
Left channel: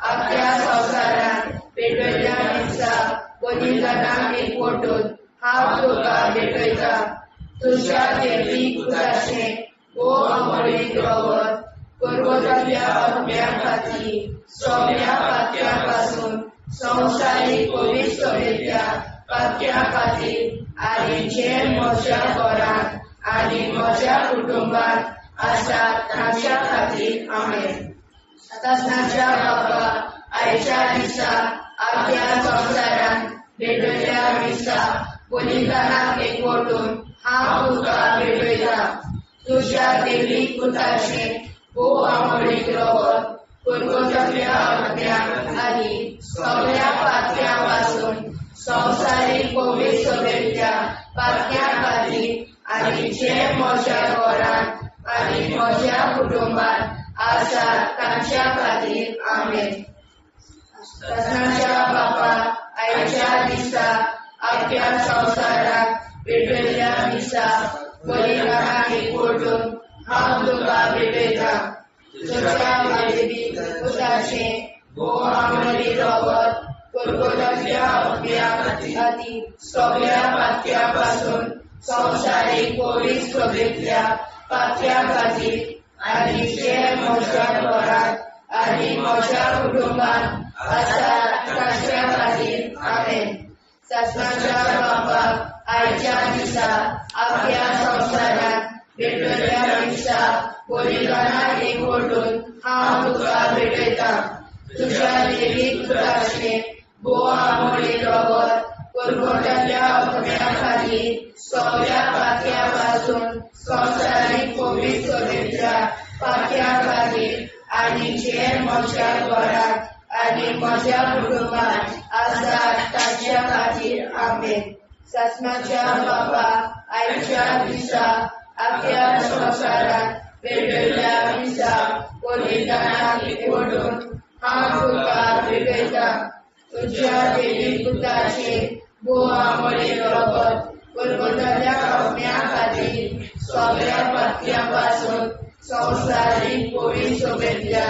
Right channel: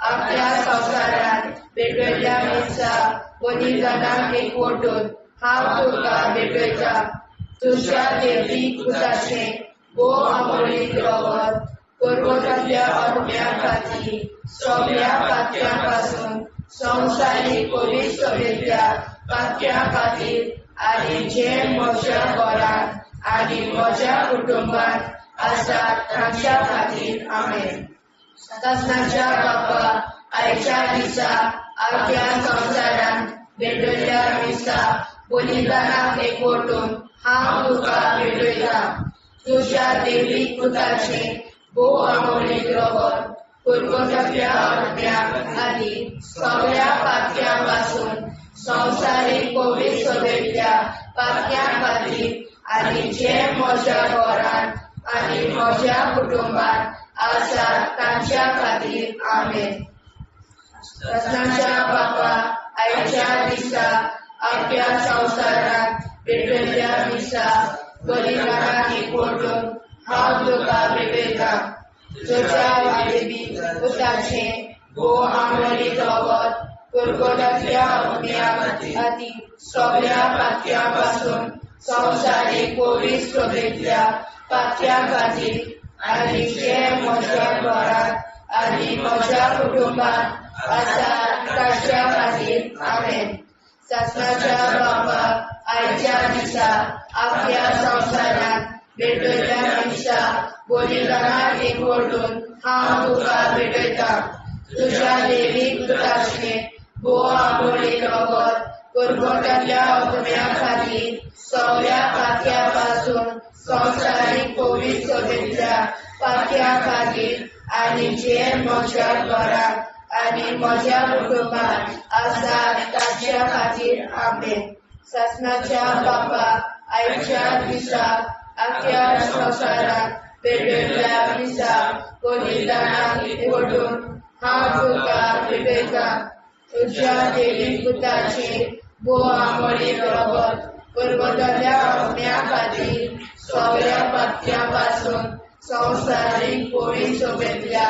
आपल्या संवसारांत वेगवेगळ्या दिसा बलिदानाक एकवटून हांव तुका भेटयता. तुज्या देवीक पुताचें अमळीक रगत पर्वतांतल्या आत्म्यां खातीर सगळ्या पातळ्यां पासून संवसारीक कोविड सोबेतल्या पातळ्यां खातीर आनी जे म्हज्या घरांत आनी म्हज्या कुटुंबात आसात तांच्या खातीर आमेन. शासनाच्या बाबा आयच्या दिसा आपल्या संवसारांत वेगवेगळ्या दिसा बलिदानाक एकवटून हांव तुका भेटयता. तुज्या देवीक पुताचें अमळीक रगत पर्वतांतल्या आत्म्यां आनी सगळ्या पातळ्यां पासून संवसारीक कोविड सोबेतल्या पातळ्यां खातीर आनी जे म्हज्या घरांत आनी म्हज्या कुटुंबात आसात तांच्या खातीर आमेन. शासनाच्या बाबा आयच्या दिसा आपल्या संवसारांत वेगवेगळ्या दिसा बलिदानाक एकवटून हांव तुका भेटयता. तुज्या देवीक पुताचें अमळीक रगत पर्वतांतल्या आत्म्यां खातीर सगळ्या पातळ्यां पासून संवसारीक कोविड सोबेतल्या पातळ्यां खातीर आनी जे म्हज्या घरांत आनी म्हज्या कुटुंबात आसात तांच्या खातीर आमेन. शासनाच्या बाबा आयच्या दिसा आपल्या संवसारांत वेगवेगळ्या दिसा बलिदानाक एकवटून हांव तुका भेटयता. तुज्या देवीक पुताचें अमळीक रगत पर्वतांतल्या आत्म्यां खातीर सगळ्या पातळ्यां पासून संवसारीक कोविड सोबेतल्या पातळ्यां खातीर आनी जे म्हज्या घरांत आनी म्हज्या कुटुंबात आसात तांच्या खातीर आमेन. शासनाच्या बाबा आयच्या दिसा आपल्या संवसारांत वेगवेगळ्या दिसा बलिदानाक एकवटून हांव तुका भेटयता. तुज्या देवीक पुताचें अमळीक रगत पर्वतांतल्या आत्म्यां खातीर सगळ्या पातळ्यां पासून संवसारीक कोविड सोबेतल्या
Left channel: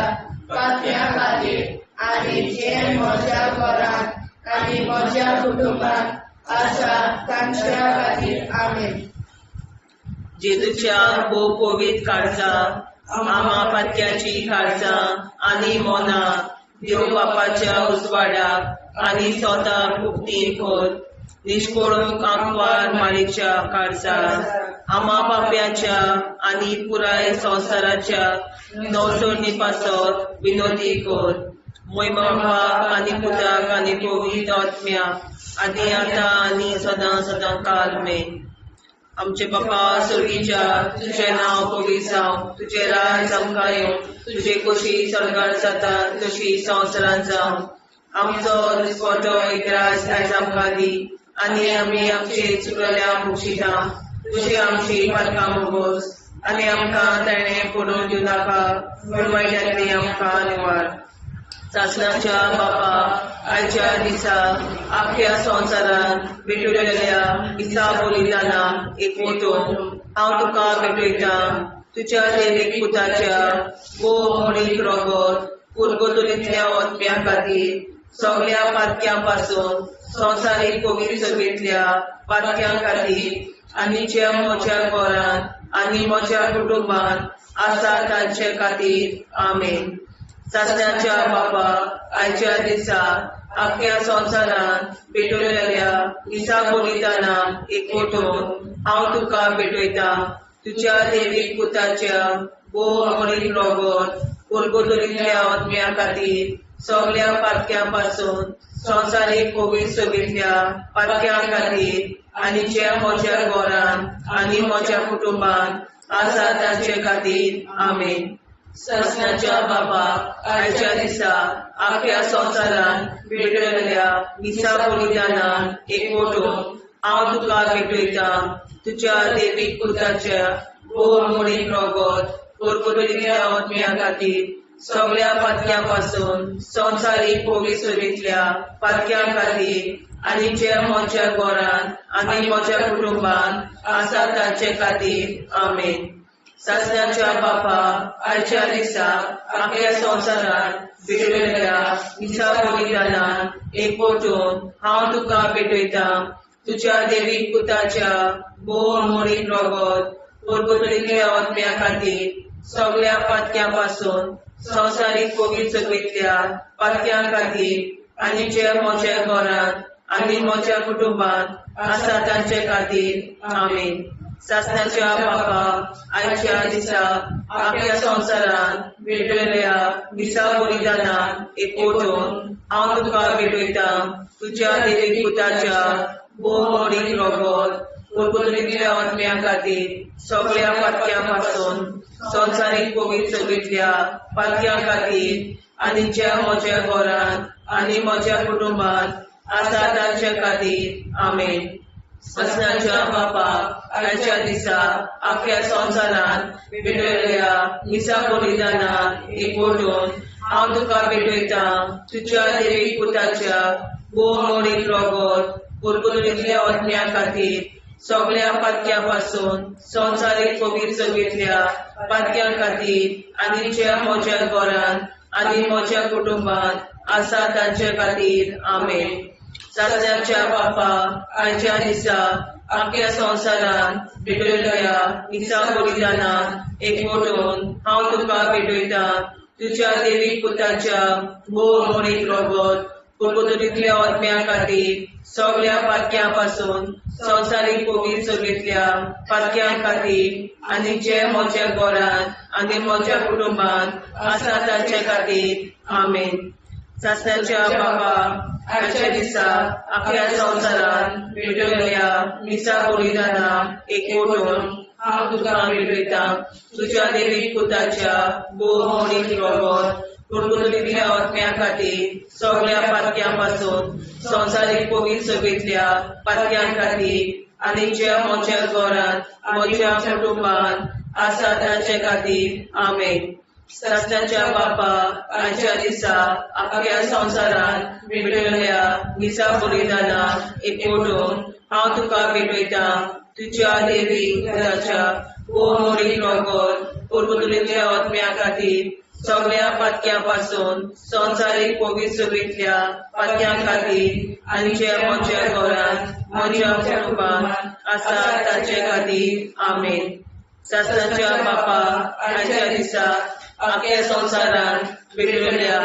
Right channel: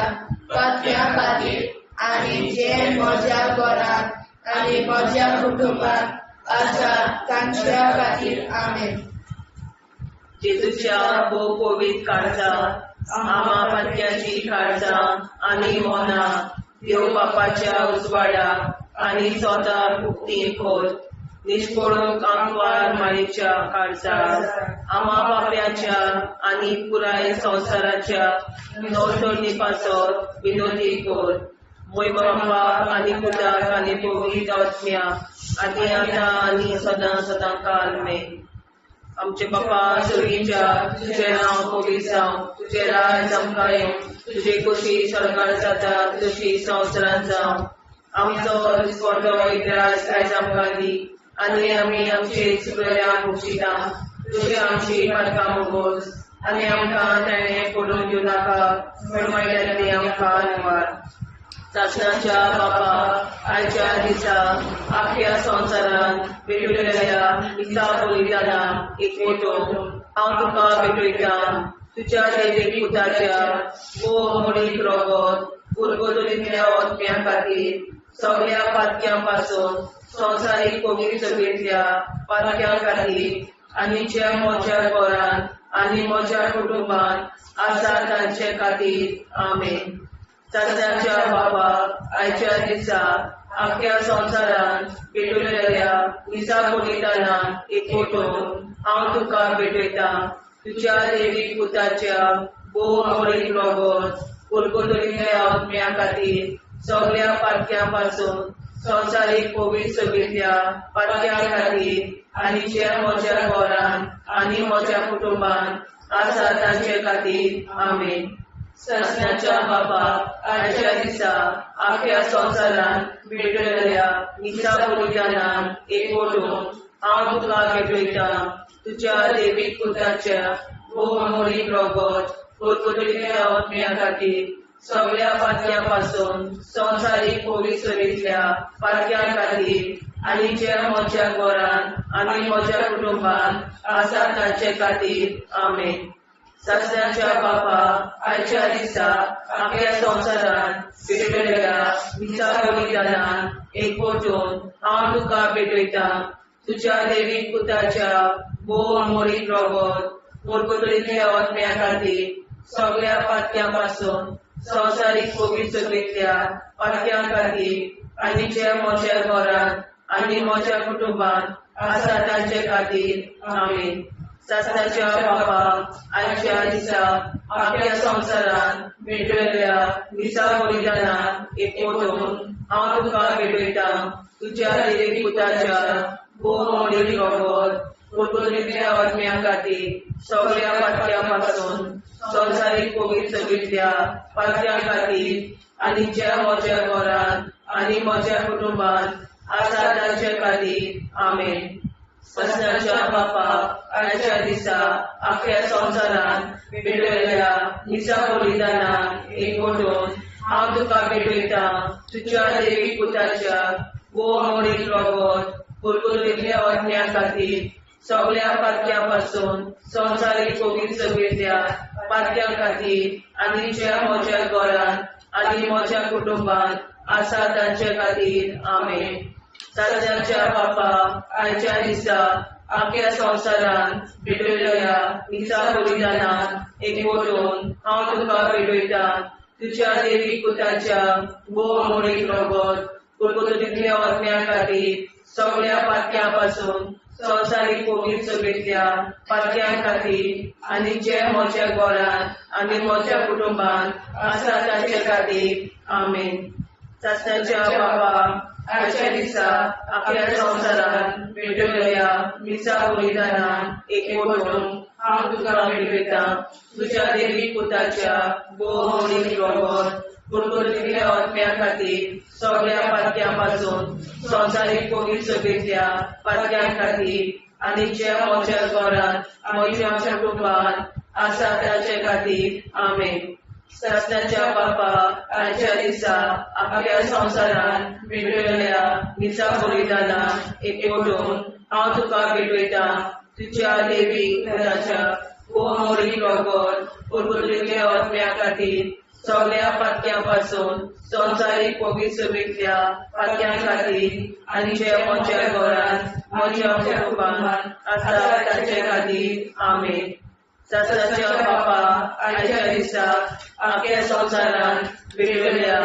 पातळ्यां खातीर आनी जे म्हज्या घरांत आनी म्हज्या कुटुंबात आसात तांच्या खातीर आमेन. जेजूच्या कोविड काळजांत आमा पातक्याची काळजां आनी मोना देव बापाच्या उजवाडाक आनी स्वता मुक्ती कर. निष्पळूक आंकवार माळेच्या काळजांत आमा बाप्याच्या आनी पुराय संवसाराच्या नवसोडणी पासत विनोदी कर. मोय बापाक आनी पुताक आनी पवित्र आत्म्याक आनी आतां आनी सदां सदां काल मेन. आमचे बापा सर्गीच्या तुझें नांव पवित्र जावं. तुजें राज आमकां येवं. तुजे कशी सरकार जाता तशी संवसारांत जावं. आमचो दिसवटो एकदांच आयज आमकां दी आनी आमी आमचे चुकल्यांक बक्षिता. तुजी आमची पातकां भोगोस आनी आमकां ताणें पडून दिवं नाका. वायटांतली आमकां निवाड. शासनाच्या बाबा आयच्या दिसा आपल्या संवसारांत भेटलेल्या दिसा बलिदानाक एकवटून हांव तुका भेटयता. तुज्या देवीक पुताच्या अमळीक रगत पर्वतांतल्या आत्म्यां खातीर सगळ्या पातक्यां पासून संवसारीक कोविड सोबेतल्या पातक्यां खातीर आनी जे म्हज्या घरांत आनी म्हज्या कुटुंबात आसा तांचे खातीर आमेन. शासनाच्या बाबा आयच्या दिसा आपल्या संवसारांत भेटलेल्या दिसा बलिदानाक एकवटून हांव तुका भेटयता. तुज्या देवीक पुताच्या अमळीक रगत पर्वतांतल्या आत्म्यां खातीर सगळ्या पातक्यां पासून संवसारीक कोविड सोबेतल्या पातक्यां खातीर आनी जे म्हज्या घरांत आनी म्हज्या कुटुंबात आसा तांचे खातीर आमेन. शासनाच्या बाबा आयच्या दिसा आपल्या संवसारांत भेटलेल्या दिसा बलिदानाक एकवटून हांव तुका भेटयता. तुज्या देवीक पुताच्या अमळीक रगत पोरतुगेल्या आत्म्या खातीर सगळ्या पातक्यां संवसारीक कोवी सोबीतल्या पातक्यां खातीर आनी जे म्हज्या घरान आनी म्हज्या कुटुंबान आसा तांचे खातीर आमेन. सस्याच्या बापा, आयच्या दिसा आपल्या संवसारान भितरल्या दिसा बलिदानान एकवटून हांव तुका भेटयता तुज्या देवीक पुताच्या भोव मोडीत रगत पोरतुगेल्या आत्म्या खातीर सगळ्या पातक्यां संवसारीक कोवी सोबीतल्या पातक्यां खातीर आनी जे म्हज्या घरान आनी म्हज्या कुटुंबान आसा तांचे खातीर आमेन. सासणाच्या बापा, आयच्या दिसा आपल्या संवसारान भेटयल्या दिसा बलिदानान एकवटून हांव तुका भेटयता तुज्या देवीक पुताच्या भोव मोडीत रगत पोरतुगेल्या आत्म्या खातीर सगळ्या पातक्यां संवसारीक कोवी सोबीतल्या पातक्यां खातीर आनी ज्या म्हज्या घरान आनी म्हज्या कुटुंबान आसा तांचे खातीर आमेन. सस्याच्या बापा, आयच्या दिसा आख्या संवसारान भेटयल्या दिसा बलिदानान एकवटून हांव तुका भेटयता तुज्या देवीक पुताच्या भोव मोडीत रगत पोरतुगेल्या आत्म्या खातीर सगळ्या पातक्यां संवसारीक कोवी सोबीतल्या पातक्यां खातीर आनी ज्या म्हज्या घरान आनी म्हज्या कुटुंबान आसा तांचे खातीर आमेन. सासण्याच्या बापा, आयच्या दिसा आपल्या संवसारान भेटयल्या दिसा बलिदानान एकवटून हांव तुका भेटयता तुज्या देवीक पुताच्या भोव मोडीत रगत पोरतुगेल्या आत्म्या खातीर सगळ्या पातक्यां संवसारीक कोवी सोबीतल्या पातक्यां खातीर आनी जे म्हज्या घरान आनी म्हज्या कुटुंबान आसा तांचे खातीर आमेन. सासण्याच्या बापा, आयच्या दिसा आपल्या संवसारान भेटयल्या दिसा बलिदानान एकवटून हांव तुका भेटयता तुज्या देवीक पुताच्या भोव मोडीत रगत पोरतुगेल्या आत्म्या खातीर सगळ्या पातक्यां संवसारीक कोवी सोबीतल्या पातक्यां खातीर आनी जे म्हज्या घरान म्हज्या कुटुंबान आसा तांचे खातीर आमेन. सासण्याच्या बापा, आयच्या दिसा आपल्या संवसारान भेटयल्या दिसा बलिदानान एकवटून हांव तुका भेटयता तुज्या देवीक पुताच्या भोव मोडीत रगत पोरतुगेल्या आत्म्या खातीर सगळ्या पातक्यां संवसारीक कोवी सोबीतल्या पातक्यां खातीर आनी जे म्हज्या घरान म्हज्या कुटुंबान आसा तांचे खातीर आमेन. सासण्याच्या बापा, आयच्या दिसा आपल्या संवसारान भेटयल्या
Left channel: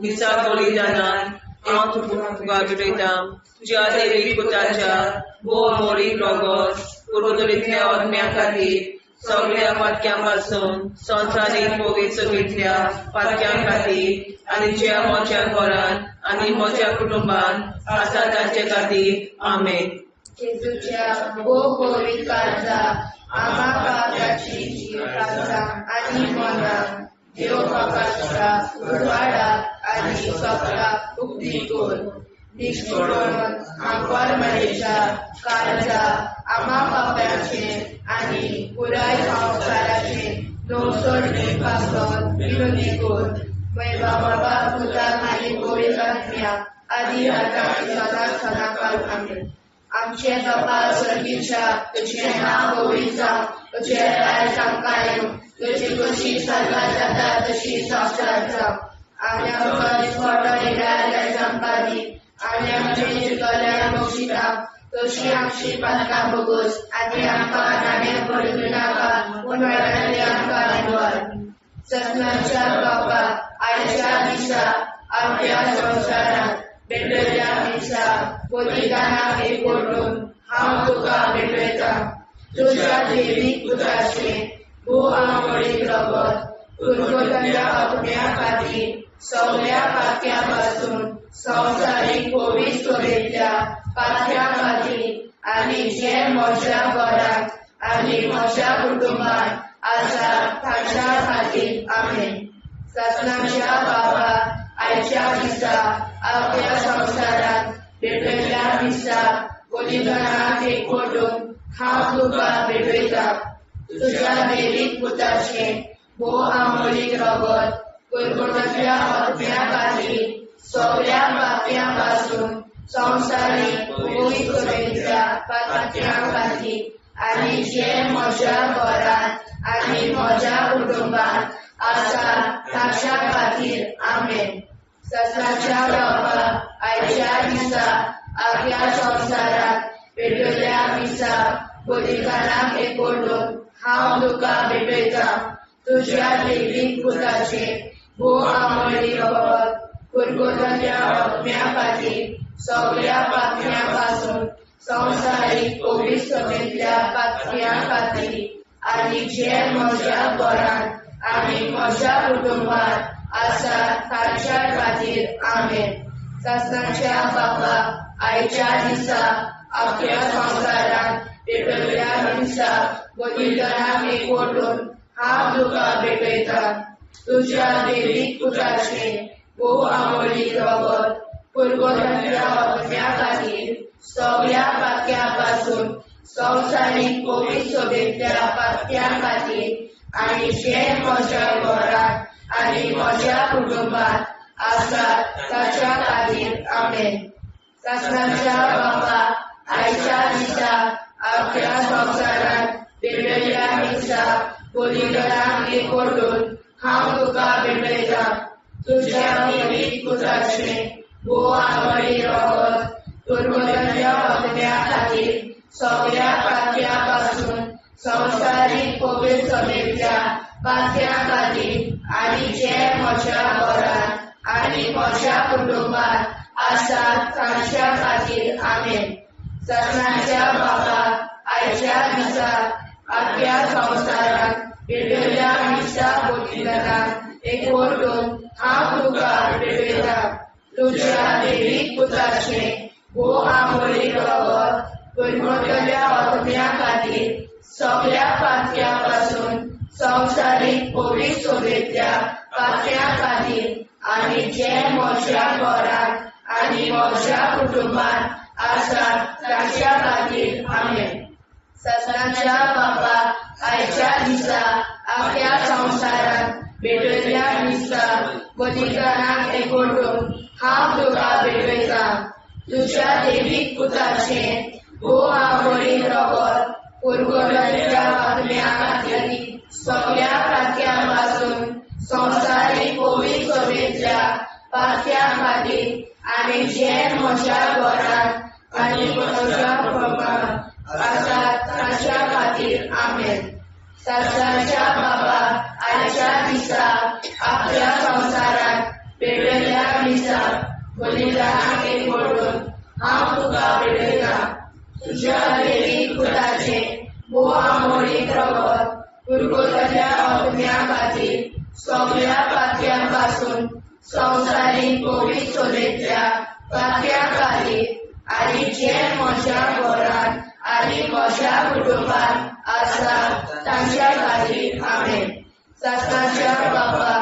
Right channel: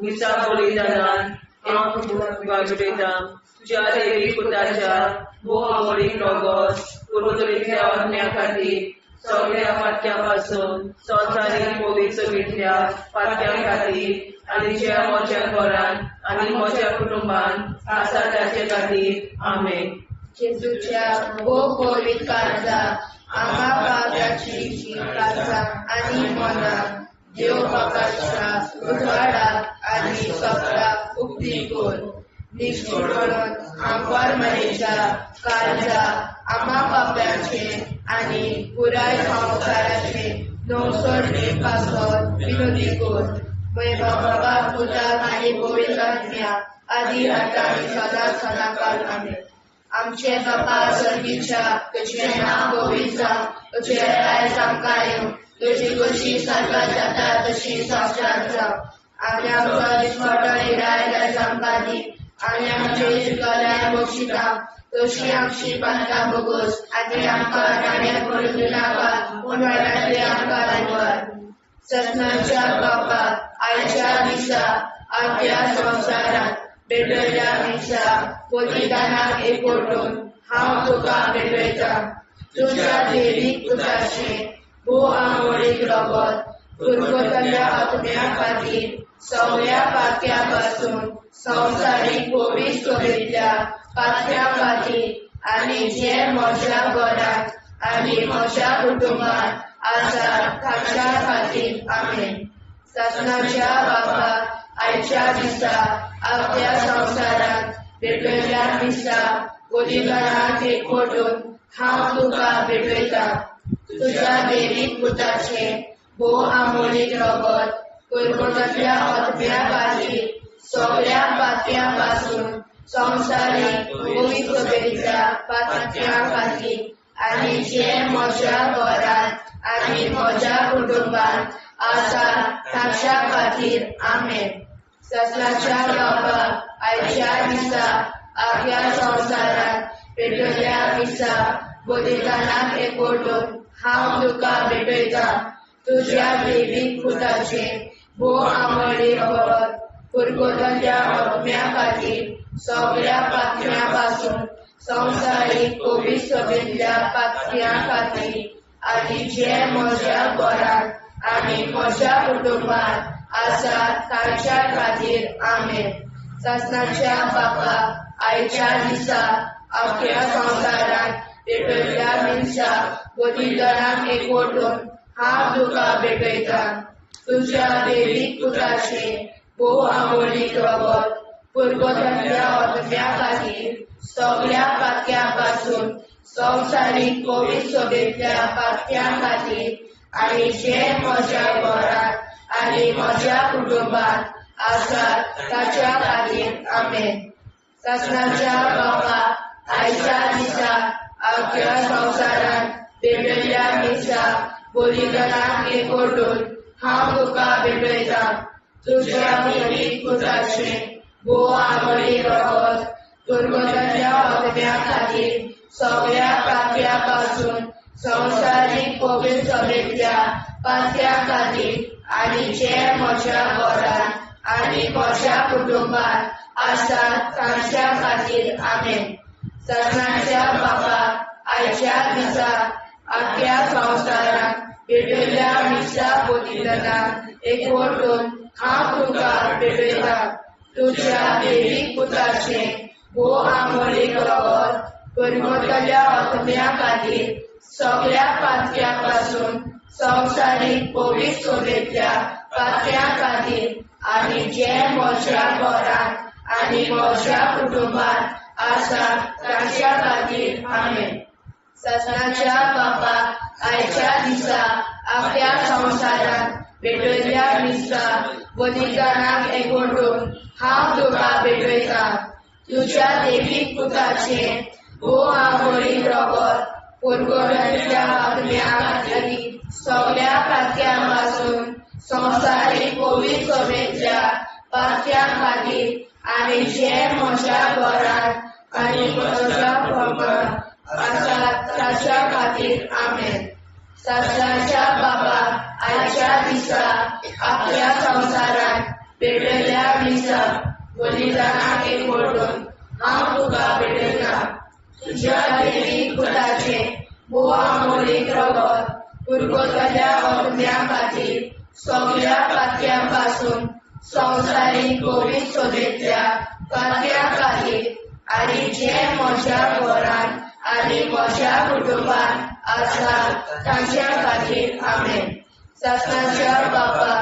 दिसा बलिदानान हांव तुका भेटयता तुज्या देवीक पुताच्या भोव मोडीत रगत पोरतुगेल्या आत्म्या खातीर सगळ्या पातक्यां संवसारीक कोवी सोबीतल्या पातक्यां खातीर आनी जे म्हज्या घरान आनी म्हज्या कुटुंबान आसा तांचे खातीर आमेन. जेजूच्या भोव कोवी काळजा आम्हा पाप्याची काळजा आनी मना देव बापाच्या उजवाडा आनी सगळा मुक्ती कोर निष्ठुरण आंकवार मेरेच्या काळजा आम्हा पाप्याचे आनी पुराय संवसाराचे नवसोडणे पासत विनोदी कोर बाबा पुताक आनी गोविंदात्म्या आदी आता सदा सदाकाळ आमेन. आमचे बापा सर्गीच्या तुझे नाव गोविंदा तुझे राय सांगताय तुझी कशी साजरा जाता तशी संस्कार जाव आम्ही आमच्या स्मरण राय सांगतानी आनी आमचे शिकल्या बक्षिता तशी आमची प्रार्थना बघूस आनी आमकां नाण्या पडून नाका पूण वाटायले आमकां आयकवार. सस्नाच्या बापा, आयच्या दिसा आपल्या संवसारात भेटयल्या दिसा बलिदानाक एकवटून हांव तुका भेटयता तुज्या देवीक पुताचे भोव मोडीत रगत पोरतुगेल्या आत्म्या खातीर सगळ्या पातक्यां संवसारीक कोवी सोबीतल्या पातक्यां खातीर आनी जे म्हज्या घरान आनी म्हज्या कुटुंबान आसा तांच्या खातीर आमेन. सस्नाच्या बापा, आयच्या दिसा आपल्या संवसारात भेटयल्या दिसा बलिदानाक एकवटून हांव तुका भेटयता तुज्या देवीक पुताचे भोव आमोलीक रगत कुरकुराच्या आत्म्या खातीर सगळ्या पातळ्यांपासून संवसारीक भौगोलिक सोबेच्या पातळ्यां खातीर आनी जे म्हज्या घरांत आनी म्हज्या कुटुंबांत आसा ताच्या खातीर आमेन. सत्याच्या बाबा आयच्या दिसा आख्या संवसारांत पेटयल्ल्या दिसा बलिदानाक एकवटून हांव तुका भेटयता. तुज्या दैवीक पुताचेर भोव आमोली रगत कुरकुराच्या आत्म्या खातीर सगळ्या पातळ्यांपासून संवसारीक पवित्र सभेंतल्या पातळ्यां खातीर आनी जे म्हज्या घरांत आनी म्हज्या कुटुंबांत आसा ताच्या खातीर आमेन. सत्याच्या बाबा आयच्या दिसा आख्या संवसारांत पेटयल्ल्या दिसा बलिदानाक एकवटून हांव तुका भेटयता. तुज्या दैवीक पुताचेर भोव आमोलीक रगत कुरकुराच्या आत्म्या खातीर सगळ्या पातळ्यांपासून संवसारीक पवित्र सभेंतल्या पातळ्यां खातीर आनी जे म्हज्या घरांत आनी म्हज्या कुटुंबांत आसा ताच्या खातीर आमेन. सत्याच्या बाबा आयच्या दिसा आख्या संवसारांत पेटयल्ल्या दिसा बलिदानाक एकवटून हांव तुका भेटयता. तुज्या दैवीक पुताचेर भोव आमोली रगत कुरकुराच्या आत्म्या खातीर सगळ्या पातळ्यांपासून संवसारीक पवित्र सभेंतल्या पातळ्यां खातीर आनी जे म्हज्या घरांत आनी म्हज्या कुटुंबांत आसा ताच्या खातीर आमेन. सत्याच्या बाबा आयच्या दिसा आख्या संवसारांत पेटयल्ल्या दिसा बलिदानाक एकवटून हांव तुका भेटयता. तुज्या दैवीक पुताचेर भोव आमोली रगत कुरकुराच्या आत्म्या खातीर सगळ्या पातळ्यांपासून संवसारीक पवित्र सभेंतल्या पातळ्यां खातीर आनी जे म्हज्या घरांत आनी म्हज्या कुटुंबांत आसा ताच्या खातीर आमेन. सत्याच्या बाबा आयच्या दिसा आख्या संवसारांत पेटयल्ल्या दिसा बलिदानाक एकवटून हांव तुका भेटयता. तुज्या दैवीक पुताचेर भोव आमोली रगत कुरकुराच्या आत्म्या खातीर सगळ्या पातळ्यांपासून संवसारीक पवित्र सभेंतल्या पातळ्यां खातीर आनी जे म्हज्या घरांत आनी म्हज्या कुटुंबांत आसा ताच्या खातीर आमेन. सत्याच्या बाबा आयच्या दिसा आख्या संवसारांत पेटयल्ल्या दिसा बलिदानाक एकवटून हांव तुका भेटयता. तुज्या दैवीक पुताचेर भोव आमोली रगत कुरकुराच्या आत्म्या खातीर सगळ्या पातळ्यांपासून संवसारीक पवित्र सभेंतल्या पातळ्यां खातीर आनी जे म्हज्या घरांत आनी म्हज्या कुटुंबांत आसा ताच्या खातीर आमेन. सत्याच्या बाबा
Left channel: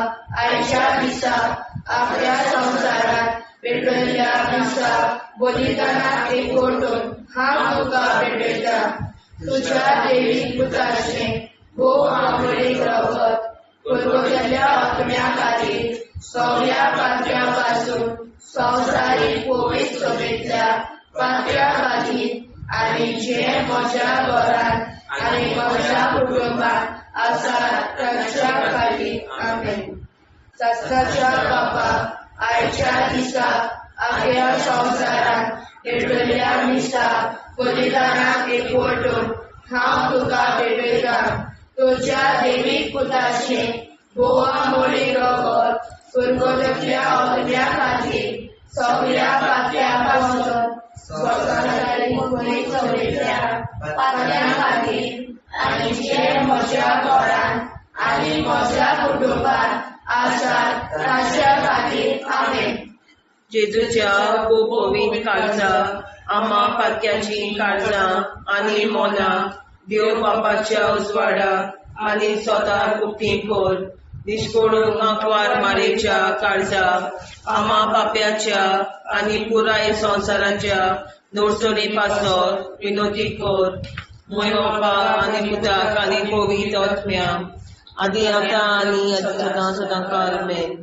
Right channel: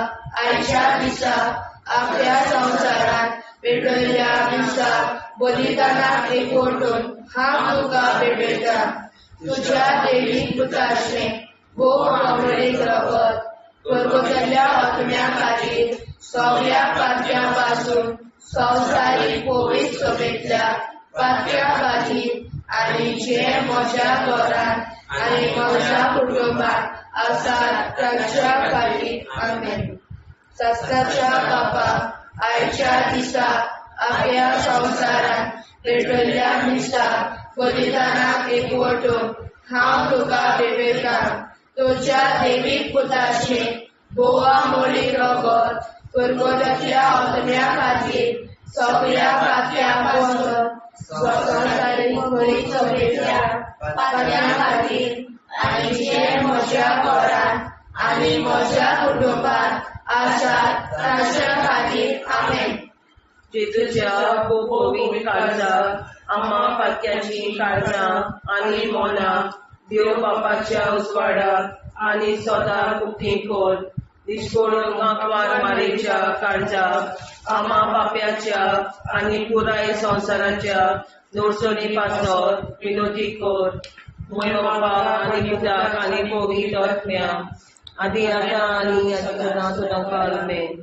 आयच्या दिसा आख्या संवसारांत पेटयल्ल्या दिसा बलिदानाक एकवटून हांव तुका भेटयता. तुज्या दैवीक पुताचेर भोव आमोली रगत कुरकुराच्या आत्म्या खातीर सगळ्या पातळ्यांपासून संवसारीक पवित्र सभेंतल्या पातळ्यां खातीर आनी जे म्हज्या घरांत आनी म्हज्या कुटुंबांत आसा ताच्या खातीर आमेन. सत्याच्या बाबा आयच्या दिसा आख्या संवसारांत पेटयल्ल्या दिसा बलिदानाक एकवटून हांव तुका भेटयता. तुज्या दैवीक पुताचेर भोव आमोली रगत कुरकुराच्या आत्म्या खातीर सगळ्या पातळ्यांपासून संवसारीक पवित्र सभेंतल्या पातळ्यां खातीर आनी जे म्हज्या घरांत आनी म्हज्या कुटुंबांत आसा ताच्या खातीर आमेन. जेजूच्या पवित्र काळजा आम्हा पातक्याची काळजा आनी मोला देव बापाच्या उजवाडाक आनी स्वता कुटी कोर दिसपडून आंकवार मारेच्या काळजा आम्हा पाप्याच्या आनी पुराय संवसाराच्या नोडसणी पासत विनोदी कोर मोय बाबा आनी पुताक आनी पवित्र आत्म्या आदी आतां आनी सदां सदां काल मेन